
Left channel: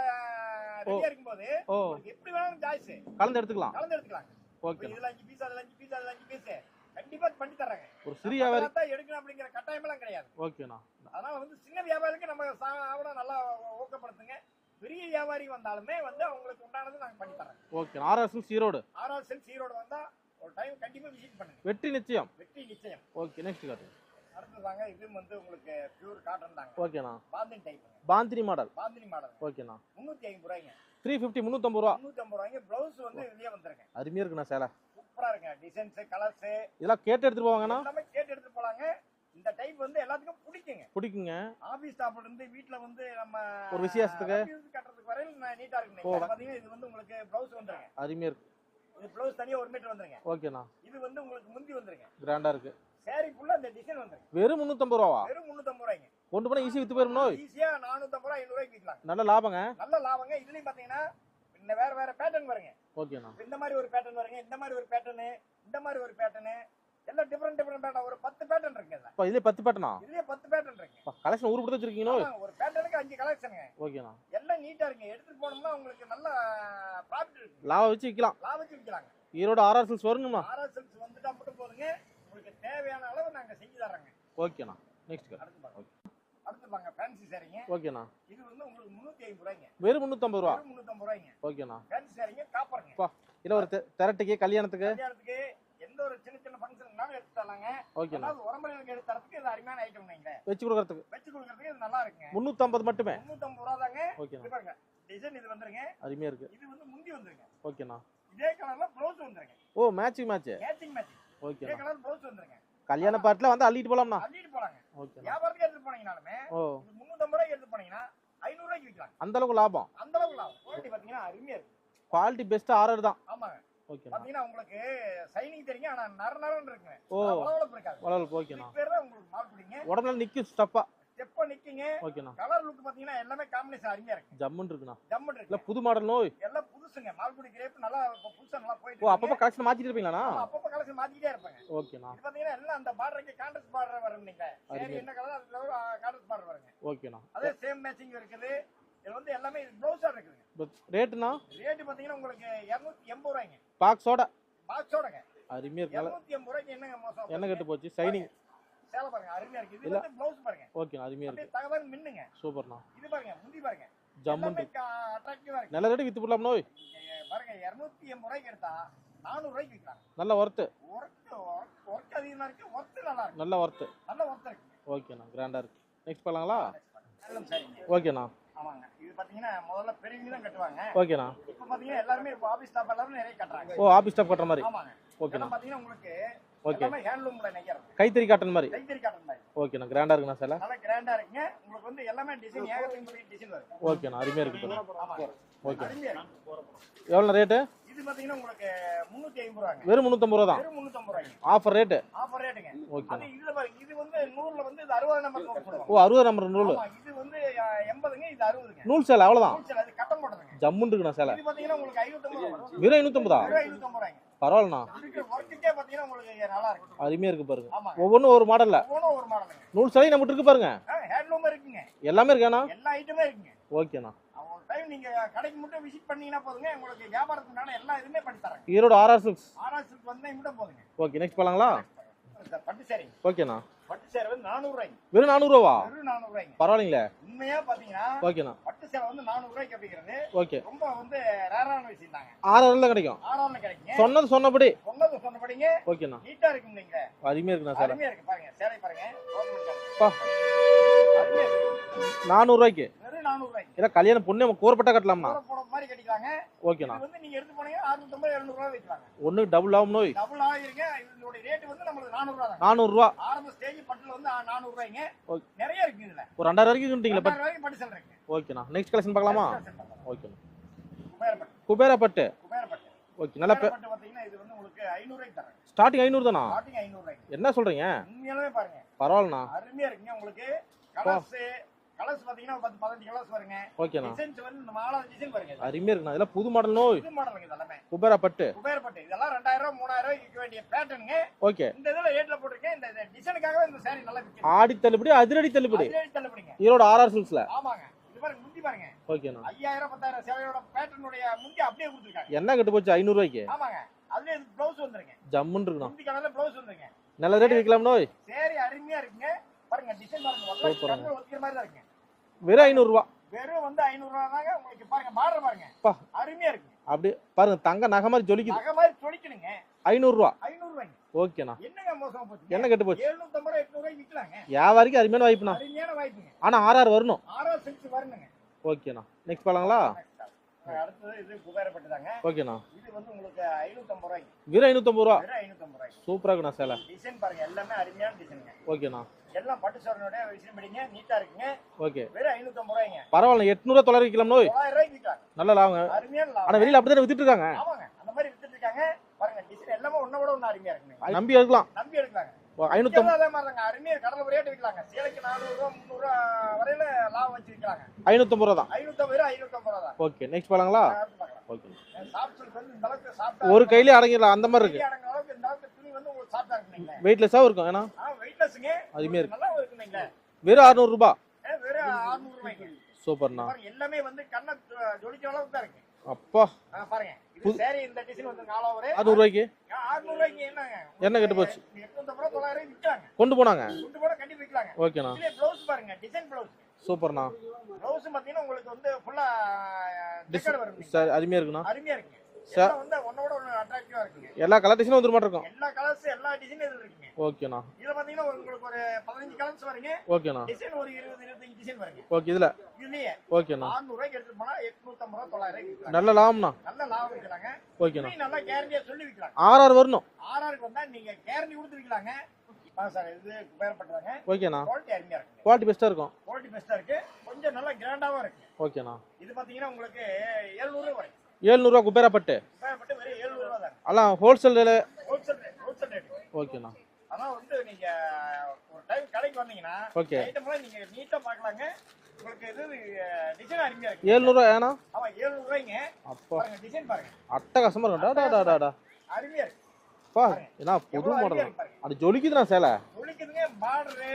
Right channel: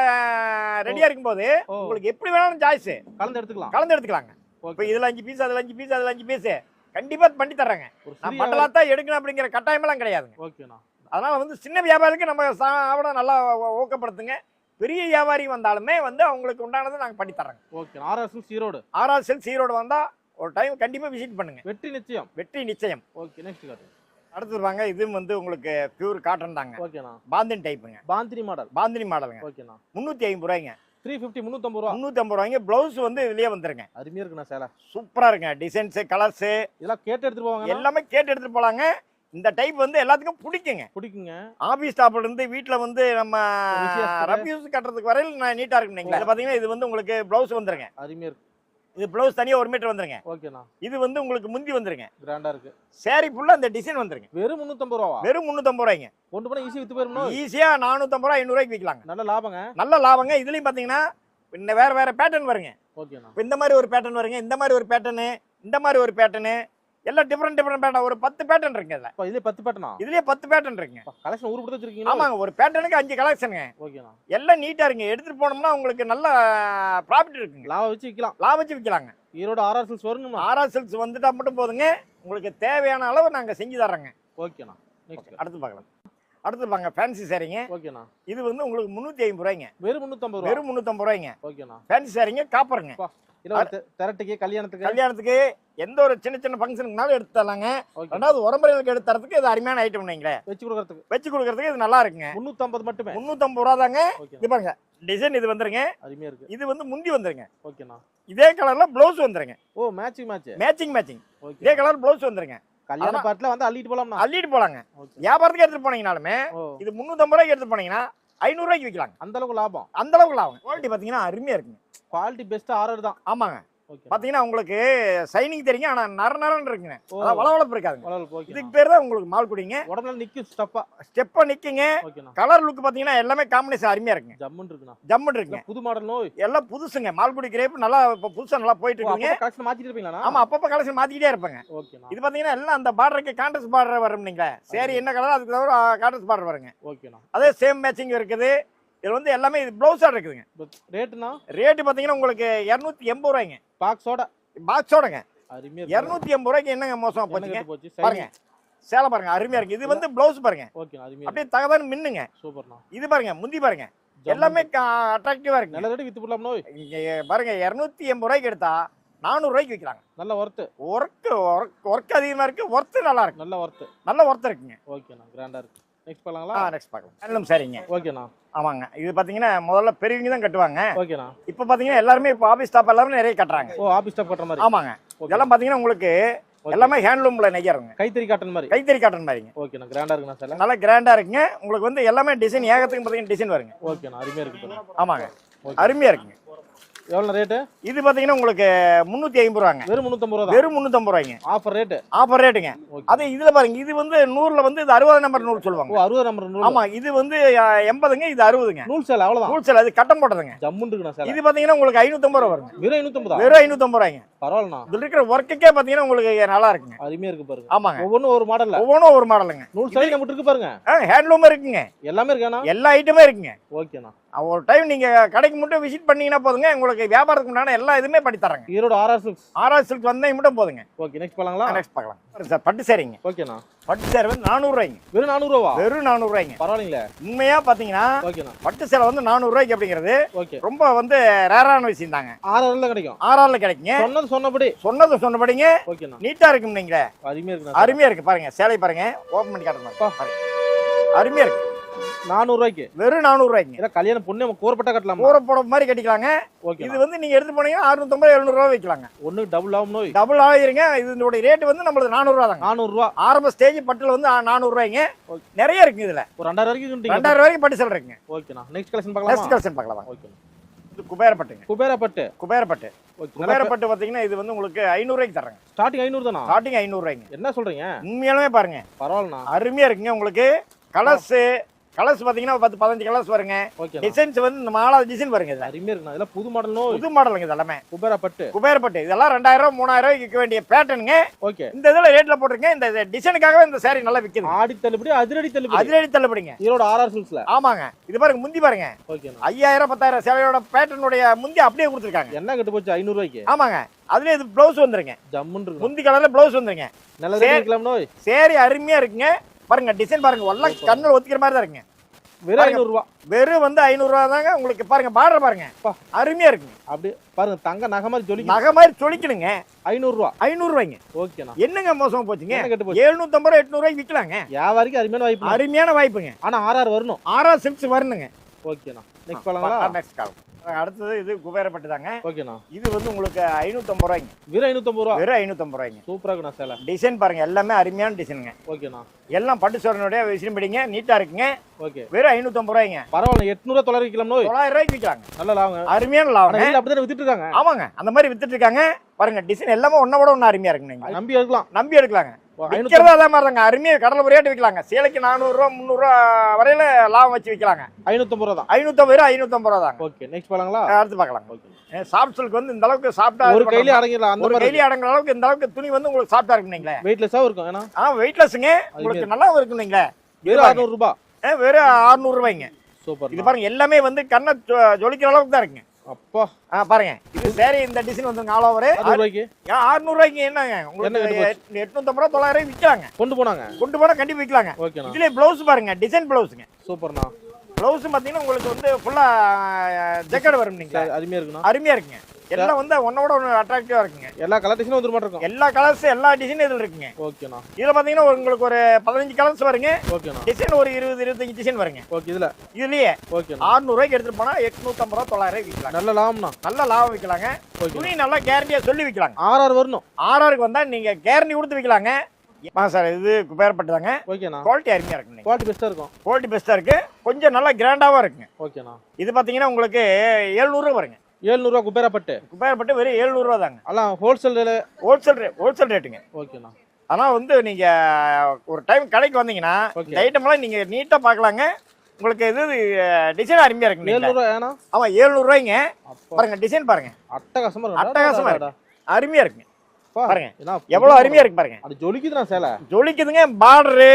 ரெடியா இருக்கும்போது உங்களுக்கு எப்படி வேணாலும் சாய்ஸ் கலந்து எடுத்துக்கலாம். கலந்து எடுத்துக்கலாங்க. இப்போ இதுல அஞ்சு பீஸ் அதுல அஞ்சு பீஸ் அதுல அஞ்சு பீஸ் கண்டிப்பா பண்ணி தர்றாங்க. ஒரு சிறிய தான் எடுக்கணும் அப்படிங்கிற கட்டாயமெல்லாம் கிடையாதுங்க. ஓகேண்ணா அதனால வந்து சின்ன வியாபாரிக்கு நம்ம சாப்பிட நல்லா ஊக்கப்படுத்துங்க. பெரிய வியாபாரி வந்தாலுமே வந்து அவங்களுக்கு உண்டானதை நாங்க பண்ணி தர்றோங்க. ஓகே ஆர்எஸ் ஈரோடு ஆர்ஆர் செல் ஈரோடு வந்தா ஒரு டைம் கண்டிப்பா விசிட் பண்ணுங்க. வெற்றி நிச்சயம். வெற்றி நிச்சயம். ஓகே நெக்ஸ்ட் காட்டு அடுத்து வாங்க இதுவும் வந்து உங்களுக்கு பியூர் காட்டன் தாங்க. ஓகேண்ணா. பாந்தின் டைப்புங்க பாந்தினி மாடல் பாந்தினி மாடலுங்க ஓகேண்ணா. முந்நூற்றி ஐம்பது ரூபாய்ங்க. த்ரீ ஃபிஃப்டி முந்நூற்றம்பது ரூபா. முந்நூற்றி ஐம்பது ரூபாய்ங்க. ப்ளவுஸ் வந்து இதுலயே வந்துருங்க. அருமையா இருக்குண்ணா சேலை. சூப்பரா இருக்குங்க. டிசைன்ஸு கலர்ஸு இதெல்லாம் கேட்டு எடுத்துட்டு போவாங்கண்ணா? எல்லாமே கேட்டு எடுத்துட்டு போலாங்க. இந்த டைப் வந்து எல்லாத்துக்கும் பிடிக்குங்க. பிடிக்குங்க. ஆபீஸ் ஸ்டாப்ல இருந்து வீட்ல வந்து நம்ம. ரஃப்யூஸ் கட்டுறதுக்கு வரையில் நான் நீட்டா இருக்கு நீங்க இது பாத்தீங்கன்னா இது வந்து உங்களுக்கு ப்ளவுஸ் வந்துருங்க. அருமையா இருக்கு. இது ப்ளவுஸ் தனியா ஒரு மீட்டர் வந்துருங்க. ஓகேண்ணா இது வந்து உங்களுக்கு முந்தி வந்துருங்க. கிராண்டா இருக்கு. சாரி ஃபுல்லா அந்த டிசைன் வந்துருங்க. வெறும் முந்நூற்றம்பது ரூபாவா? வெறும் முந்நூற்றம்பது ரூபாய்ங்க. கொண்டு போனா ஈஸி வித்து போயிடணும் ஈஸியா நானூற்றம்பது ரூபா ஐநூறுரூவாய்க்கு விற்கலாங்க நல்ல லாபங்க. நல்ல லாபங்க. இதுலயும் பாத்தீங்கன்னா இன்னும் வேற வேற பேட்டர்ன் வருங்க. ஓகேண்ணா இந்த மாதிரி ஒரு பேட்டர்ன் வருங்க. இந்த மாதிரி ஒரு பேட்டர்னு இந்த மாதிரி ஒரு பேட்டர்னு எல்லாம் டிஃப்ரெண்ட் டிஃப்ரெண்ட் பேட்டர்ன் ஒரு பத்து பேட்டர்ன் இருக்குங்க இதுல. இப்போ இதுலேயே பத்து பேட்டனா இதுலயே பத்து பேட்டர்ன் இருக்குங்க. கலெக்ஷன் ஊர் கொடுத்து வச்சிருக்கீங்களா? ஆமாங்க ஒரு பேட்டர்னுக்கு அஞ்சு கலெக்ஷனுங்க ஓகேண்ணா எல்லாம் நீட்டா இருக்குங்க. எடுத்துட்டு போனோம்னா உங்களுக்கு நல்ல ப்ராஃபிட் இருக்குங்க. லாபம் வச்சு விற்கலாம் லாபம் வச்சு விற்கலாங்க ஈரோடு ஆர்ஆர் சில்ஸ் வரணுமா ஆர்ஆர் செல்ஸ் வந்துட்டா மட்டும் போதுங்க. உங்களுக்கு தேவையான அளவு நாங்க செஞ்சு தர்றோங்க. ஓகேண்ணா நெக்ஸ்ட் அடுத்து பார்க்கலாம். அடுத்து பாங்க ஃபேன்சி சாரிங்க ஓகேண்ணா இது வந்து உங்களுக்கு முந்நூற்றி ஐம்பது ரூபாய்ங்க. வெறும் முந்நூற்றம்பது ரூபா? வெறும் முந்நூற்றம்பது ரூபாய்ங்க. ஓகேண்ணா ஃபேன்சி சாரிங்க காப்பருங்க இல்லை திரட்டுக்கு கல்யாணத்துக்கு? கல்யாணத்துக்கு எந்த ஒரு சின்ன சின்ன ஃபங்க்ஷனுக்குனாலும் எடுத்து தரலாங்க. ரெண்டாவது உரம்பரைகளுக்கு எடுத்து தரதுக்கு இது அருமையான ஐட்டம் நீங்களே வச்சு கொடுக்கறதுக்கு. வச்சு கொடுக்கறதுக்கு இது நல்லா இருக்குங்க. முந்நூற்றம்பது மட்டுமே? முந்நூற்றம்பது ரூபா தாங்க. இது பாருங்க டிசைன் இது வந்துருங்க. அருமையா இருக்கு. இது வந்து முந்தி வந்துருங்க. ஓகேண்ணா இதே கலர்ல ப்ளவுஸ் வந்துருங்க. ஓ மேட்சிங் மேட்ச் மேட்சிங் மேட்சிங் இதே கலர் ப்ளவுஸ் வந்துருங்க. கல்யாண பாட்டில் வந்து அள்ளிட்டு போலாம்ண்ணா. அள்ளிட்டு போலாங்க. வியாபாரத்துக்கு எடுத்துட்டு போனீங்கனாலுமே இது முந்நூற்றம்பது ரூபாய்க்கு எடுத்துட்டு போனீங்கன்னா ஐநூறு ரூபாய்க்கு விற்கலாங்க. அந்த அளவுக்கு லாபம். அந்த அளவுக்கு லாபம். குவாலிட்டி பார்த்தீங்கன்னா அருமையா இருக்குங்க. குவாலிட்டி பெஸ்ட் ஆர்டர் தான். ஆமாங்க. ஓகே பார்த்தீங்கன்னா உங்களுக்கு சைனிங் தெரியுங்க ஆனா நர நரன்னு இருக்குங்க. வளவளப்பு ஓகேண்ணா. இதுக்கு பேர் தான் உங்களுக்கு மால் குடிங்க. உடம்புல நிக்கும் ஸ்டப்பா ஸ்டெப்பா நிக்குங்க. கலர் லுக் பாத்தீங்கன்னா எல்லாமே காம்பினேஷன் அருமையா இருக்குங்க. ஜம்முன்னு இருக்குண்ணா. ஜம்முன்னு இல்ல இருக்குங்க புது மாடல் நோய். எல்லாம் புதுசுங்க. மால்குடி கிரேப் நல்லா இப்போ புதுசா நல்லா போயிட்டு அப்பப்போ கலெக்ஷன் மாத்திட்டு இருப்பீங்களாண்ணா? ஆமா அப்பப்ப கலெக்ஷன் மாத்திக்கிட்டே இருப்பாங்க. இது பாத்தீங்கன்னா எல்லாம் அந்த பார்டருக்கு கான்ட்ரஸ்ட் பார்டர் வரும் நீங்க சரி என்ன கலர் அதுக்கு தவிர கான்ட்ரஸ்ட் பார்டர் வருங்க. ஓகேண்ணா. அதே சேம் மேட்சிங் இருக்குது. இது வந்து எல்லாமே இது ப்ளவுஸா இருக்குதுங்க ரேட்டுண்ணா ரேட்டு பாத்தீங்கன்னா உங்களுக்கு இரநூத்தி எண்பது ரூபாய்ங்க. பாக்ஸோட பாக்ஸோடங்க இரநூத்தி எண்பது ரூபாய்க்கு என்னங்க மோசம் கட்டு போச்சு? பாருங்க. சைனிங் சேலை பாருங்க அருமையா இருக்கு. இது வந்து ப்ளவுஸ் பாருங்க. ஓகேண்ணா அருமையா அப்படியே தகவல் மின்னுங்க. சூப்பர்ண்ணா. இது பாருங்க முந்தி பாருங்க. எல்லாமே. அட்ராக்டிவா இருக்கு. நல்ல ரேட்டு வித்து போடலாம் நோய் பாருங்க இரநூத்தி எண்பது ரூபாய்க்கு எடுத்தா நானூறு ரூபாய்க்கு விற்கிறாங்க நல்ல ஒர்த்து ஒர்க் ஒர்க் ஒர்க் அதிகமா இருக்கு ஒர்த்து நல்லா இருக்கு. நல்ல ஒர்த்து நல்ல ஒர்த் இருக்குங்க. ஓகேண்ணா கிராண்டா இருக்கு. நெக்ஸ்ட் பண்ணலாங்களா நெக்ஸ்ட் பார்க்கலாம். ஹேண்ட்லூம் சரிங்க. ஓகேண்ணா ஆமாங்க. இது பாத்தீங்கன்னா முதல்ல பெரியவங்க தான் கட்டுவாங்க. ஓகேண்ணா இப்போ பாத்தீங்கன்னா எல்லாருமே இப்போ ஆபீஸ் ஸ்டாப் எல்லாமே நிறைய கட்டுறாங்க. ஓ ஆபீஸ் ஸ்டாப் கட்டுற மாதிரி. ஆமாங்க. இதெல்லாம் பாத்தீங்கன்னா உங்களுக்கு. எல்லாமே ஹேண்ட்லூம்ல நெய்யறவங்க. கைத்தறி காட்டன் மாதிரி. கைத்தறி காட்டன் மாதிரிங்க. ஓகேண்ணா கிராண்டா இருக்குண்ணா சில? நல்லா கிராண்டா இருக்குங்க. உங்களுக்கு வந்து எல்லாமே டிசைன் ஏகத்துக்கு பாத்தீங்கன்னா டிசைன் வருங்க. ஓகேண்ணா அருமையா இருக்கு. ஆமாங்க. அருமையா இருக்குங்க. எவ்வளோ ரேட்டு இது பாத்தீங்கன்னா உங்களுக்கு முந்நூத்தி ஐம்பது ரூபாங்க. வெறும் முந்நூற்றம்பது ரூபா வெறும் முந்நூத்தம்பது ரூபாய்ங்க. ஆஃபர் ரேட்டு ஆஃபர் ரேட்டுங்க அது இதுல பாருங்க இது வந்து நூறுல வந்து இது அறுபது நம்பர் ஓ சொல்லுவாங்க. அறுபது நம்பர் நூல். ஆமா இது வந்து எண்பதுங்க இது அறுபதுங்க. நூல் சேலை அவ்வளோதான் ஹோல்சேல் அது கட்டம் போட்டதுங்க. ஜம்முன்னு இருக்குண்ணா சேலை. இது பாத்தீங்கன்னா உங்களுக்கு ஐநூத்தம்பது ரூபா வரும் வெறும் ஐநூற்றம்பதா வெறும் ஐநூத்தம்பது ரூபாய்ங்க. பரவாயில்லண்ணா. இதுல இருக்கிற ஒர்க்குக்கே பாத்தீங்கன்னா உங்களுக்கு நல்லா இருக்குங்க. அருமையா இருக்கு பாருங்க. ஆமாங்க. ஒவ்வொன்றும் ஒரு மாடல்ல ஒவ்வொன்றும் ஒரு மாடலுங்க நூல் சேலை நம்மகிட்ட இருக்கு பாருங்க. ஹேண்ட்லூம் இருக்குங்க. எல்லாமே இருக்காண்ணா? எல்லா ஐட்டமே இருக்குங்க. ஓகேண்ணா ஒரு டைம் நீங்க கடைக்கு மட்டும் விசிட் பண்ணீங்கன்னா போதுங்க. உங்களுக்கு வியாபாரத்துக்கு உண்டான எல்லா இதுமே பண்ணி தரேங்க ஈரோடு ஆர்ஆர் சிக்ஸ் ஆர்ஆர் சில்க் வந்தீங்க மட்டும் போதுங்க. ஓகே நெக்ஸ்ட் பண்ணலாங்களா நெக்ஸ்ட் பார்க்கலாம். சார் பட்டு சேரிங்க. ஓகேண்ணா பட்டு சேரை வந்து நானூறு ரூபாய்ங்க வெறும் நானூறுரூவா வெறும் நானூறு ரூபாய்ங்க பரவாயில்லைங்களே. உண்மையா பாத்தீங்கன்னா ஓகேண்ணா பட்டு சேலை வந்து நானூறு ரூபாய்க்கு அப்படிங்கிறது ஓகே ரொம்ப வந்து ரேரான விஷயம் தாங்க ஆறாயிரம் கிடைக்கும். ஆர்ஆர்ல கிடைக்குங்க. சொன்னது சொன்னபடி. சொன்னது சொன்னபடிங்க. ஓகேண்ணா நீட்டா இருக்கும் நீங்களே அருமையா இருக்குண்ணா அருமையா இருக்கு பாருங்க. சேலை பாருங்க. ஓபன் பண்ணி. காட்டுங்க. அருமையா இருக்கு. நானூறுரூவாய்க்கு வெறும் நானூறு ரூபாய்ங்க ஏன்னா கல்யாணம் பொண்ணு நம்ம கூறப்பட்டா கட்டலாமா? கூரை போட மாதிரி கட்டிக்கலாங்க. ஓகேண்ணா இது வந்து நீங்க எடுத்து போனீங்கன்னா அறுநூத்தம்பது எழுநூறு ரூபா வைக்கலாங்க. ஒன்று டபுள் ஆகும் நோய். டபுள் ஆகிருங்க இதனுடைய ரேட் வந்து நம்மளுக்கு நானூறு ரூபா தாங்க. நானூறுரூவா ஆரம்ப ஸ்டேஜ் பட்டுல வந்து நானூறு ரூபாய்ங்க ஓகே. நிறைய இருக்குங்க இதுல. ஒரு ரெண்டாயிரம் வரைக்கும் ரெண்டாயிரம் ரூபாய்க்கு பட்டு சேலை இருக்குங்க. ஓகேண்ணா. நெக்ஸ்ட் கலெக்ஷன் பார்க்கலாமா? நெக்ஸ்ட் கலெக்ஷன் பார்க்கலாம். ஓகேண்ணா. இது குபேரப்பட்டுங்க. குபேரப்பட்டு. குபேரப்பட்டு. ஓகே குபேரப்பட்டு பாத்தீங்கன்னா இது வந்து உங்களுக்கு ஐநூறுரூவாய்க்கு தரேங்க. ஸ்டார்டிங் ஐநூறு தானா? ஸ்டார்டிங் ஐநூறுரூவாய்ங்க என்ன சொல்றீங்க? உண்மையாலுமே பாருங்க. பரவாயில்லண்ணா. அருமையா இருக்குங்க உங்களுக்கு. கலர்ஸ் கலர்ஸ் பாத்தீங்கன்னா பத்து பதினஞ்சு கலர்ஸ் வருங்க. டிசைன்ஸ் வந்து இந்த மாலாவது டிசைன் வருங்க இது. அருமையா இருக்குண்ணா. இதெல்லாம் புது மாடல் புது மாடலுங்க இது எல்லாமே. குபேரப்பட்டு. குபேரப்பட்டு. இதெல்லாம் ரெண்டாயிரம் மூணாயிரம் விற்க வேண்டிய பேட்டர்னுங்க ஓகே இந்த இதுல ரேட்ல போட்டிருங்க. இந்த டிசைனுக்காகவே இந்த saree நல்லா விக்குது. ஆடி தள்ளுபடி அதிரடி தள்ளுபடி. அதிரடி தள்ளுபடிங்க. ஈரோடு ஆர்ஆர் சில்க்ஸ்ல ஆமாங்க. இது பாருங்க முந்தி பாருங்க. ஓகேண்ணா ஐயாயிரம் பத்தாயிரம் சேலையோட பேட்டர்னுடைய முந்தி அப்படியே கொடுத்துருக்காங்க. என்ன கட்டு போச்சு? ஐநூறு ரூபாய்க்கு? ஆமாங்க. அதுல இது பிளவுஸ் வந்துருங்க. ஜம்முன்னு முந்தி கலர்ல பிளவுஸ் வந்துருங்க. நல்ல ரேட் இருக்கலாம் நோய். சேரி அருமையா இருக்குங்க. பாருங்க டிசைன் பாருங்க எல்லாம். கண்ணில் ஒத்திக்கிற மாதிரி தான் இருக்குங்க. வெறும் ஐநூறு ரூபா. வெறும் வந்து ஐநூறு ரூபா தாங்க உங்களுக்கு பாருங்க பார்டர் பாருங்க. அருமையா இருக்குங்க. அப்படி பாருங்க தங்க நகை மாதிரி ஜொலிக்குது. நகை மாதிரி சொலிக்கணுங்க ஐநூறு ரூபா. ஐநூறு ரூபாய்ங்க ஓகேண்ணா. என்னங்க மோசமா போச்சுங்க? என்ன கட்டு போச்சு? எழுநூத்தம்பது ரூபா எட்நூறு ரூபாய்க்கு விற்கலாங்க வியாபாரிக்கு அருமையான வாய்ப்பு அருமையான வாய்ப்புங்க. ஆனா ஆர்ஆர் வரணும். ஆறா சில்க்ஸ் வரணுங்க. ஓகேண்ணா. நெக்ஸ்ட் பாலாங்களா நெக்ஸ்ட் கால் அடுத்தது இது குபேரப்பட்டு தாங்க ஓகேண்ணா. இது வந்து உங்களுக்கு ஐநூத்தம்பது ரூபாய்ங்க. வெறும் ஐநூத்தம்பது ரூபா? வெறும் ஐநூத்தம்பது ரூபாய்ங்க. சூப்பரா இருக்குண்ணா சேலை. டிசைன் பாருங்க எல்லாமே அருமையான டிசைனுங்க. ஓகேண்ணா. எல்லாம் பட்டு சோழனுடைய விசிறியும் பிடிங்க நீட்டா இருக்குங்க. ஓகே. வெறும் ஐநூத்தம்பது ரூபாய்ங்க. பரவாயில்ல எட்நூறுவா தொள்ளாயிரம் நோய் தொள்ளாயிரம் ரூபாய்க்கு விற்கலாங்க நல்ல லாபங்க. அருமையான லாபம் வெளியில அப்படித்தானே வித்துட்டு இருக்காங்க? ஆமாங்க. அந்த மாதிரி வித்துட்டு இருக்காங்க. பாருங்க டிசைன் எல்லாமே ஒன்ன விட ஒண்ணு அருமையா இருக்குங்க. நம்பி எடுக்கலாம். நம்பி எடுக்கலாங்க. விற்கிறதா அதே மாதிரி தாங்க அருமையா கடலை ரேட்டு விற்கலாங்க சேலைக்கு நானூறு ரூபா முந்நூறு ரூபா வரையில லாபம் வச்சு விற்கலாங்க ஐநூத்தம்பது ரூபா தான். ஐநூத்தம்பது ரூபா ஐநூத்தம்பது ரூபா ஓகே நெக்ஸ்ட் அடுத்து பார்க்கலாம் ஓகே. சில்க் வந்து இந்த அளவுக்கு சாப்பிட்டா ஒரு கையிலே அடங்கிடலாம் அந்த மாதிரி கையில அடங்குற அளவுக்கு இந்த அளவுக்கு துணி வந்து உங்களுக்கு சாப்பிட்டா இருக்குங்களே வெயிட்லெஸ்ஸாவும் இருக்கும் ஏன்னா? ஆ வெயிட்லெஸ்ஸுங்க உங்களுக்கு நல்லாவும் இருக்குங்களே வெறும் அறுநூறு ரூபாய் வெறும் 600 ரூபாய்ங்க. இது சூப்பர் பாருங்க எல்லாமே வந்து கண்ணை ஜொலிக்கிற அளவுக்கு தான் இருக்குங்க. அப்பா. ஆ பாருங்க. இது சரி இந்த டிசைன் வந்து ஆல் ஓவர் அறுநூறு ரூபாய்க்கு? அறுநூறு ரூபாய்க்கு என்னங்க என்ன கட்டு போச்சு? எட்நூத்தம்பது ரூபா தொள்ளாயிரம் விற்கலாங்க. கொண்டு போனாங்க? கொண்டு போனா கண்டிப்பா விற்கலாங்க. ஓகேண்ணா இதுல பிளவுஸ் பாருங்க டிசைன் பிளவுஸுங்க சூப்பர்ண்ணா. பிளவுஸ் பாத்தீங்கன்னா உங்களுக்கு வந்து ஃபுல்லா ஜெக்கெட் வரும் நீங்க. சரி அருமையா இருக்குண்ணா. அருமையா இருக்குங்க. எல்லாம் வந்து ஒன்னோட ஒன்று அட்ராக்டிவா இருக்குங்க. எல்லா கலர் டிசைனும் வந்துட மாட்டிருக்கும் எல்லா கலர்ஸ் எல்லா டிசைனும் இதுல இருக்குங்க. ஓகேண்ணா இதுல பாத்தீங்கன்னா உங்களுக்கு ஒரு பதினஞ்சு கலர்ஸ் வருங்க. ஓகேண்ணா டிசைன் ஒரு இருபது இருபத்தஞ்சு டிசைன் வருங்க. ஓகே இதுல. இதுலயே 600 ரூபாய்க்கு எடுத்துட்டு போனா எட்நூத்தம்பது ரூபா தொள்ளாயிரம் விற்கலாம் நல்ல லாபம்ண்ணா. நல்ல லாபம் விற்கலாங்க. துணி நல்லா கேரண்டியா சொல்லி விற்கலாங்க. ஆர்ஆர் வரணும். ஆர்ஆருக்கு வந்தா நீங்க கேரண்டி கொடுத்து விற்கலாங்க. ஆ சார் இது குபேரப்பட்டுதாங்க ஓகேண்ணா குவாலிட்டி அருமையா இருக்குங்க. குவாலிட்டி பெஸ்ட்டாக இருக்கும். குவாலிட்டி பெஸ்டா இருக்கு. கொஞ்சம் நல்லா கிராண்டாவும் இருக்குங்க. ஓகேண்ணா இது பாத்தீங்கன்னா உங்களுக்கு 700 ரூபா வருங்க. ஏழ்நூறுவா குபேரப்பட்டு. குபேரப்பட்டு வெறும் 700 ரூபா தாங்க எல்லாம் ஹோல்சேல் ஹோல்சேல் ரேட் ஹோல்சேல் ரேட்டுங்க ஓகேண்ணா ஆனா வந்து நீங்க ஒரு டைம் கடைக்கு வந்தீங்கன்னா ஐட்டம்லாம் நீங்க நீட்டா பார்க்கலாங்க. உங்களுக்கு இது டிசைன் அருமையா இருக்குங்க. ஏழ்நூறுவா ஏன்னா? ஆமா 700 ரூபாய்ங்க அப்பா. பாருங்க டிசைன் பாருங்க. அட்டகாசமா இருக்கும் அட்டகாசமா டா, டா, டா, டா. அருமையா இருக்குங்க. பாருங்க. என்ன எவ்வளவு புது அருமையா இருக்கு பாருங்க. அது ஜொலிக்குதுண்ணா சேலை. ஜொலிக்குதுங்க பார்டரு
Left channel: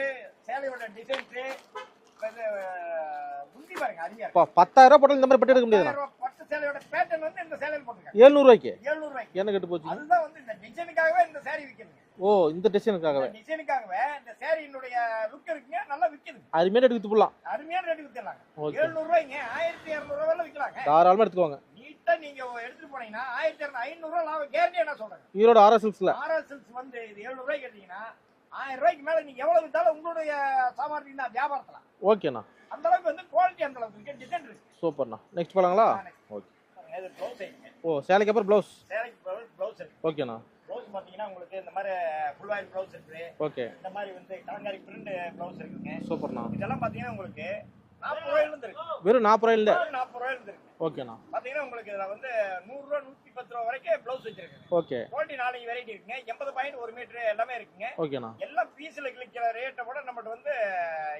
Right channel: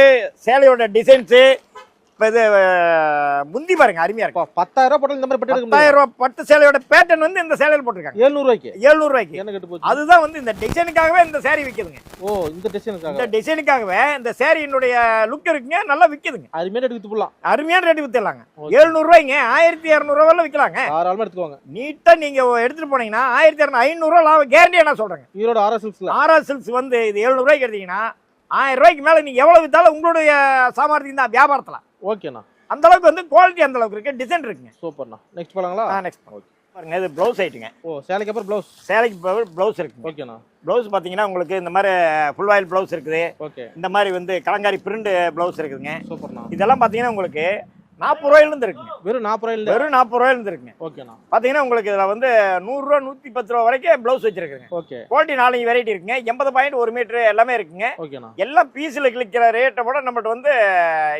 சேலையோட டிசைன்ஸு இப்போ இது முந்தி பாருங்க அருமையா இருக்கு. அப்பா பத்தாயிரம் ரூபாய் போட்டாலும் இந்த மாதிரி பட்டு எடுக்க பத்தாயிரம் ரூபாய் பட்டு சேலையோட பேட்டர்ன் வந்து இந்த சேலையில் போட்டிருக்காங்க. ஏழ்நூறு ரூபாய்க்கு எழுநூறு ரூபாய்க்கு என்ன கட்டு போச்சு? அதுதான் வந்து இந்த டிசைனுக்காகவே இந்த saree விற்குதுங்க ஓ இந்த டிசைனுக்காக இந்த டிசைனுக்காகவே இந்த சேரீனுடைய லுக் இருக்குங்க நல்லா விற்குதுங்க அருமையான எடுத்து வித்து போடலாம். அருமையான ரேட்டு வித்துடலாங்க. Okay. எழுநூறு ரூபாய்ங்க ஆயிரத்தி இரநூறுவா விற்கலாங்க தாராளமா எடுத்துக்கோங்க. நீட்டா நீங்க எடுத்துட்டு போனீங்கன்னா ஆயிரத்தி இரநூறு ஐநூறுரூவா லாபம். கேரண்டியா நான் சொல்றேங்க. ஈரோடு ஆர்ஆர் சில்க்ஸ்ல ஆர்ஆர் சில்க்ஸ் வந்து இது எழுநூறு ரூபாய்க்கு எடுத்தீங்கன்னா ஆயிரம் ரூபாய்க்கு மேல நீங்க எவ்வளவு வித்தாலும் உங்களுடைய சாமர்த்தியம் தான் வியாபாரத்துல. ஓகேண்ணா அந்த அளவுக்கு வந்து குவாலிட்டி அந்த அளவுக்கு இருக்கு. டிசைன் இருக்குங்க. சூப்பர்ண்ணா நெக்ஸ்ட் போலாங்களா? நெக்ஸ்ட் பாருங்க இது ப்ளவுஸ் ஐட்டுங்க ஓ சேலைக்கு அப்புறம் ப்ளவுஸ் சேலைக்கு ப்ளவுஸ் இருக்கு ஓகேண்ணா ப்ளவுஸ் பார்த்தீங்கன்னா உங்களுக்கு இந்த மாதிரி ஃபுல் ஆயில் ப்ளவுஸ் இருக்குது. ஓகே இந்த மாதிரி வந்து கலங்காரி பிரிண்ட் ப்ளவுஸ் இருக்குதுங்க. சூப்பர்ண்ணா இதெல்லாம் பார்த்தீங்கன்னா உங்களுக்கு நாற்பது ரூபாயிலிருந்து இருக்குங்க வெறும் நாற்பது ரூபாயில? வெறும் நாற்பது ரூபாயிலிருந்து இருக்குங்க ஓகேண்ணா பார்த்தீங்கன்னா உங்களுக்கு இதில் வந்து நூறுரூவா நூற்றி பத்து ரூபா வரைக்கும் ப்ளவுஸ் வச்சிருக்குங்க. ஓகே குவாலிட்டி நாலஞ்சு வெரைட்டி இருக்குங்க. எண்பது பாயிண்ட் ஒரு மீட்ரு எல்லாமே இருக்குங்க. ஓகேண்ணா எல்லாம் பீஸில் கிளிக்கிற ரேட்டை விட நம்மகிட்ட வந்து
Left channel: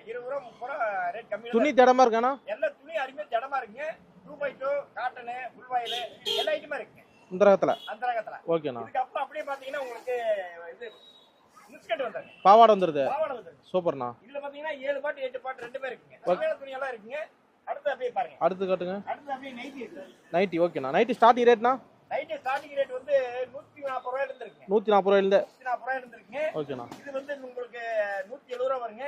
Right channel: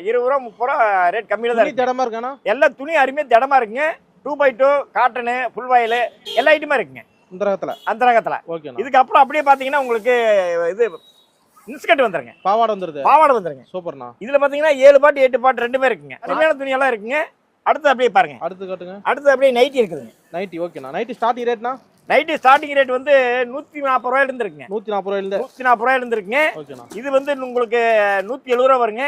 இருபது ரூபா முப்பது ரூபா ரேட் கம்மியில் தான் இருக்கு. திடமா இருக்காண்ணா எல்லா துணி அருமையாக திடமா இருக்குங்க. Two by two cotton full voile எல்லா ஐட்டமும் இருக்குங்க. அந்த ரகத்தில் ஓகேண்ணா இதுக்கு அப்புறம் அப்படியே பார்த்தீங்கன்னா உங்களுக்கு இது இன்ஸ்கர்ட் வந்துருங்க. பாவாடை வந்துருது. பாவாடை வந்துருங்க. சூப்பர்ண்ணா. இதுல பாத்தீங்கன்னா ஏழு பாட்டு எட்டு பாட்டு ரெண்டுமே இருக்குங்க. அருமையான துணியெல்லாம் இருக்குங்க. அடுத்து அப்படியே பாருங்க. அடுத்து காட்டுங்க. அடுத்து அப்படியே நைட்டி இருக்குதுங்க. நைட்டி ஓகேண்ணா நைட்டி ஸ்டார்டிங் ரேட்னா நைட்டி ஸ்டார்டிங் ரேட் வந்து நூத்தி நாற்பது ரூபாயில இருந்து இருக்குங்க நூத்தி நாற்பது ரூபாயில நூத்தி நாற்பது ரூபாயில இருந்து இருக்குங்க ஓகேண்ணா இது வந்து உங்களுக்கு நூத்தி எழுபது ரூபா வருங்க.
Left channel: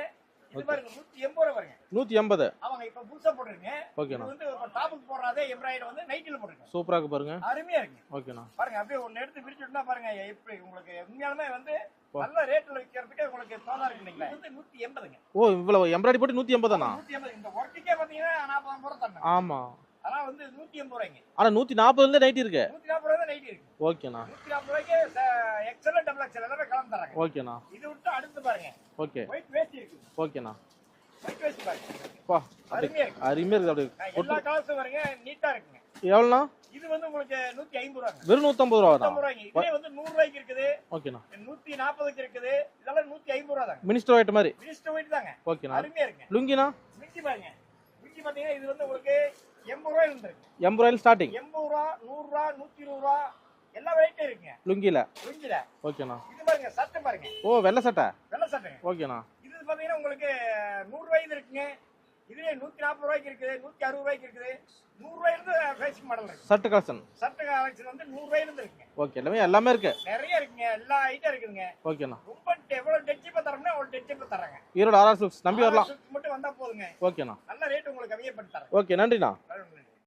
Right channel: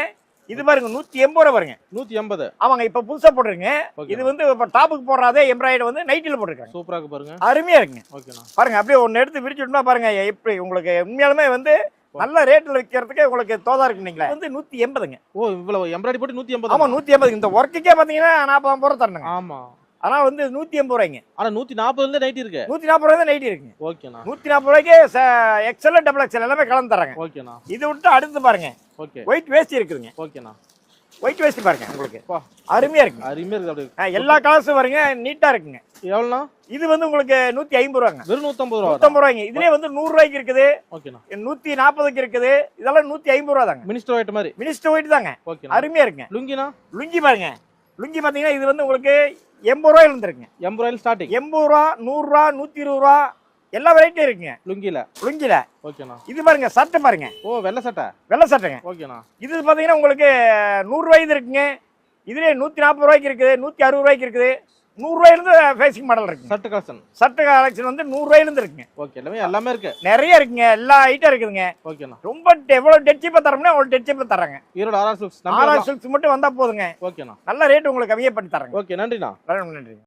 இது பாருங்க நூத்தி எண்பது ரூபா வருங்க. நூத்தி எண்பது. அவங்க இப்ப புதுசா போட்டுருங்க இது வந்து இப்ப டாப்புக்கு போடுறதே எம்ப்ராய்டு வந்து நைட்டில போட்டிருக்காங்க. சூப்பரா இருக்கு பாருங்க. அருமையா இருக்குங்க. ஓகேண்ணா பாருங்க அப்படியே ஒன்னு எடுத்து விரிச்சுட்டோம்னா பாருங்க எப்படி உங்களுக்கு உண்மையாலுமே வந்து நல்ல ரேட்ல விற்கிறதுக்கு உங்களுக்கு தோதா இருக்குங்களா வந்து நூத்தி எண்பதுங்க. ஓ இவ்வளவு எம்ப்ராய்டரி போட்டு நூத்தி எண்பது? ஆமா நூத்தி எண்பது இந்த ஒர்க்குக்கே பாத்தீங்கன்னா நாற்பது ரூபா தரணுங்க. ஆமா. ஆனா வந்து நூத்தி எண்பது ரூபாய்ங்க. ஆனா நூத்தி நாற்பதுல இருந்து நைட்டி இருக்கு. நூத்தி நாற்பது ரூபாய் தான் நைட்டி இருக்குங்க. ஓகேண்ணா. நூத்தி நாற்பது ரூபாய்க்கு எக்ஸல் டபுள் எக்ஸல் எல்லாமே கலந்து தராங்க. ஓகேண்ணா. இது விட்டு அடுத்து பாருங்க. ஓகே. ஒயிட் வேஸ்ட் இருக்குதுங்க. ஓகேண்ணா. ஒயிட் வேஸ்ட் பாருங்க உங்களுக்கு. அருமையா இருக்கு. அருமையா இருக்குது அப்படி எல்லா கலர்ஸும் வருங்க நீட்டா இருக்குங்க. எவ்வளோண்ணா? இது வந்து உங்களுக்கு நூத்தி ஐம்பது ரூபாங்க. வெறும் நூற்றம்பது ரூபா நூத்தம்பது ரூபாய்ங்க இதுலயே வந்து நூறு ரூபாய்க்கு இருக்குது. ஓகேண்ணா. நூத்தி நாற்பதுக்கு இருக்குது. இதெல்லாம் நூத்தி ஐம்பது ரூபா தாங்க. மினிஸ்டர் ஒயிட் மாதிரி. மினிஸ்டர் ஒயிட் தாங்க. ஓகேண்ணா. அருமையா இருக்குங்க. லுங்கினா லுங்கி பாருங்க. லுங்கி பாத்தீங்கன்னா இது வந்து உங்களுக்கு எண்பது ரூபாயில இருந்துருக்குங்க எண்பது ரூபாயில் ஸ்டார்டிங் எண்பது ரூபா நூறு ரூபா நூத்தி இருபது ரூபா எல்லா வெரைட்டியும் இருக்குங்க. லுங்கியில் லுங்கில. ஓகேண்ணா. இது பாருங்க சட்டை பாருங்க. ஓ வெள்ளை சட்டை? வெள்ளை சட்டைங்க. ஓகேண்ணா. இது பாத்தீங்கன்னா உங்களுக்கு நூறு ரூபாய்க்கு இருக்குங்க. இதுலயே நூத்தி நாற்பது ரூபாய்க்கு இருக்குது நூத்தி அறுபது ரூபாய்க்கு இருக்குது. நூறு ரூபாயில இருந்து ஃபேசிங் மாடல் இருக்குங்க. சட்டு கலெக்ஷன் சட்டை கலெக்ஷன் வந்து நூறு ரூபாயில இருந்து இருக்குங்க. ஓகே எல்லாமே எல்லாமே இருக்கு. நிறைய இருக்குங்க எல்லா ஐட்டம் இருக்குதுங்க. ஓகேண்ணா. ரொம்ப எவ்வளவு டெட் சீப்பா தரோம்னா அவ்வளவு டெட் சீப்பா தராங்க Erode RR silks RR silks மட்டும் வந்தா போதுங்க. ஓகேண்ணா. நல்ல ரேட் உங்களுக்கு கம்மியா பண்ணி தராங்க ஓகே நன்றிண்ணா. நன்றி.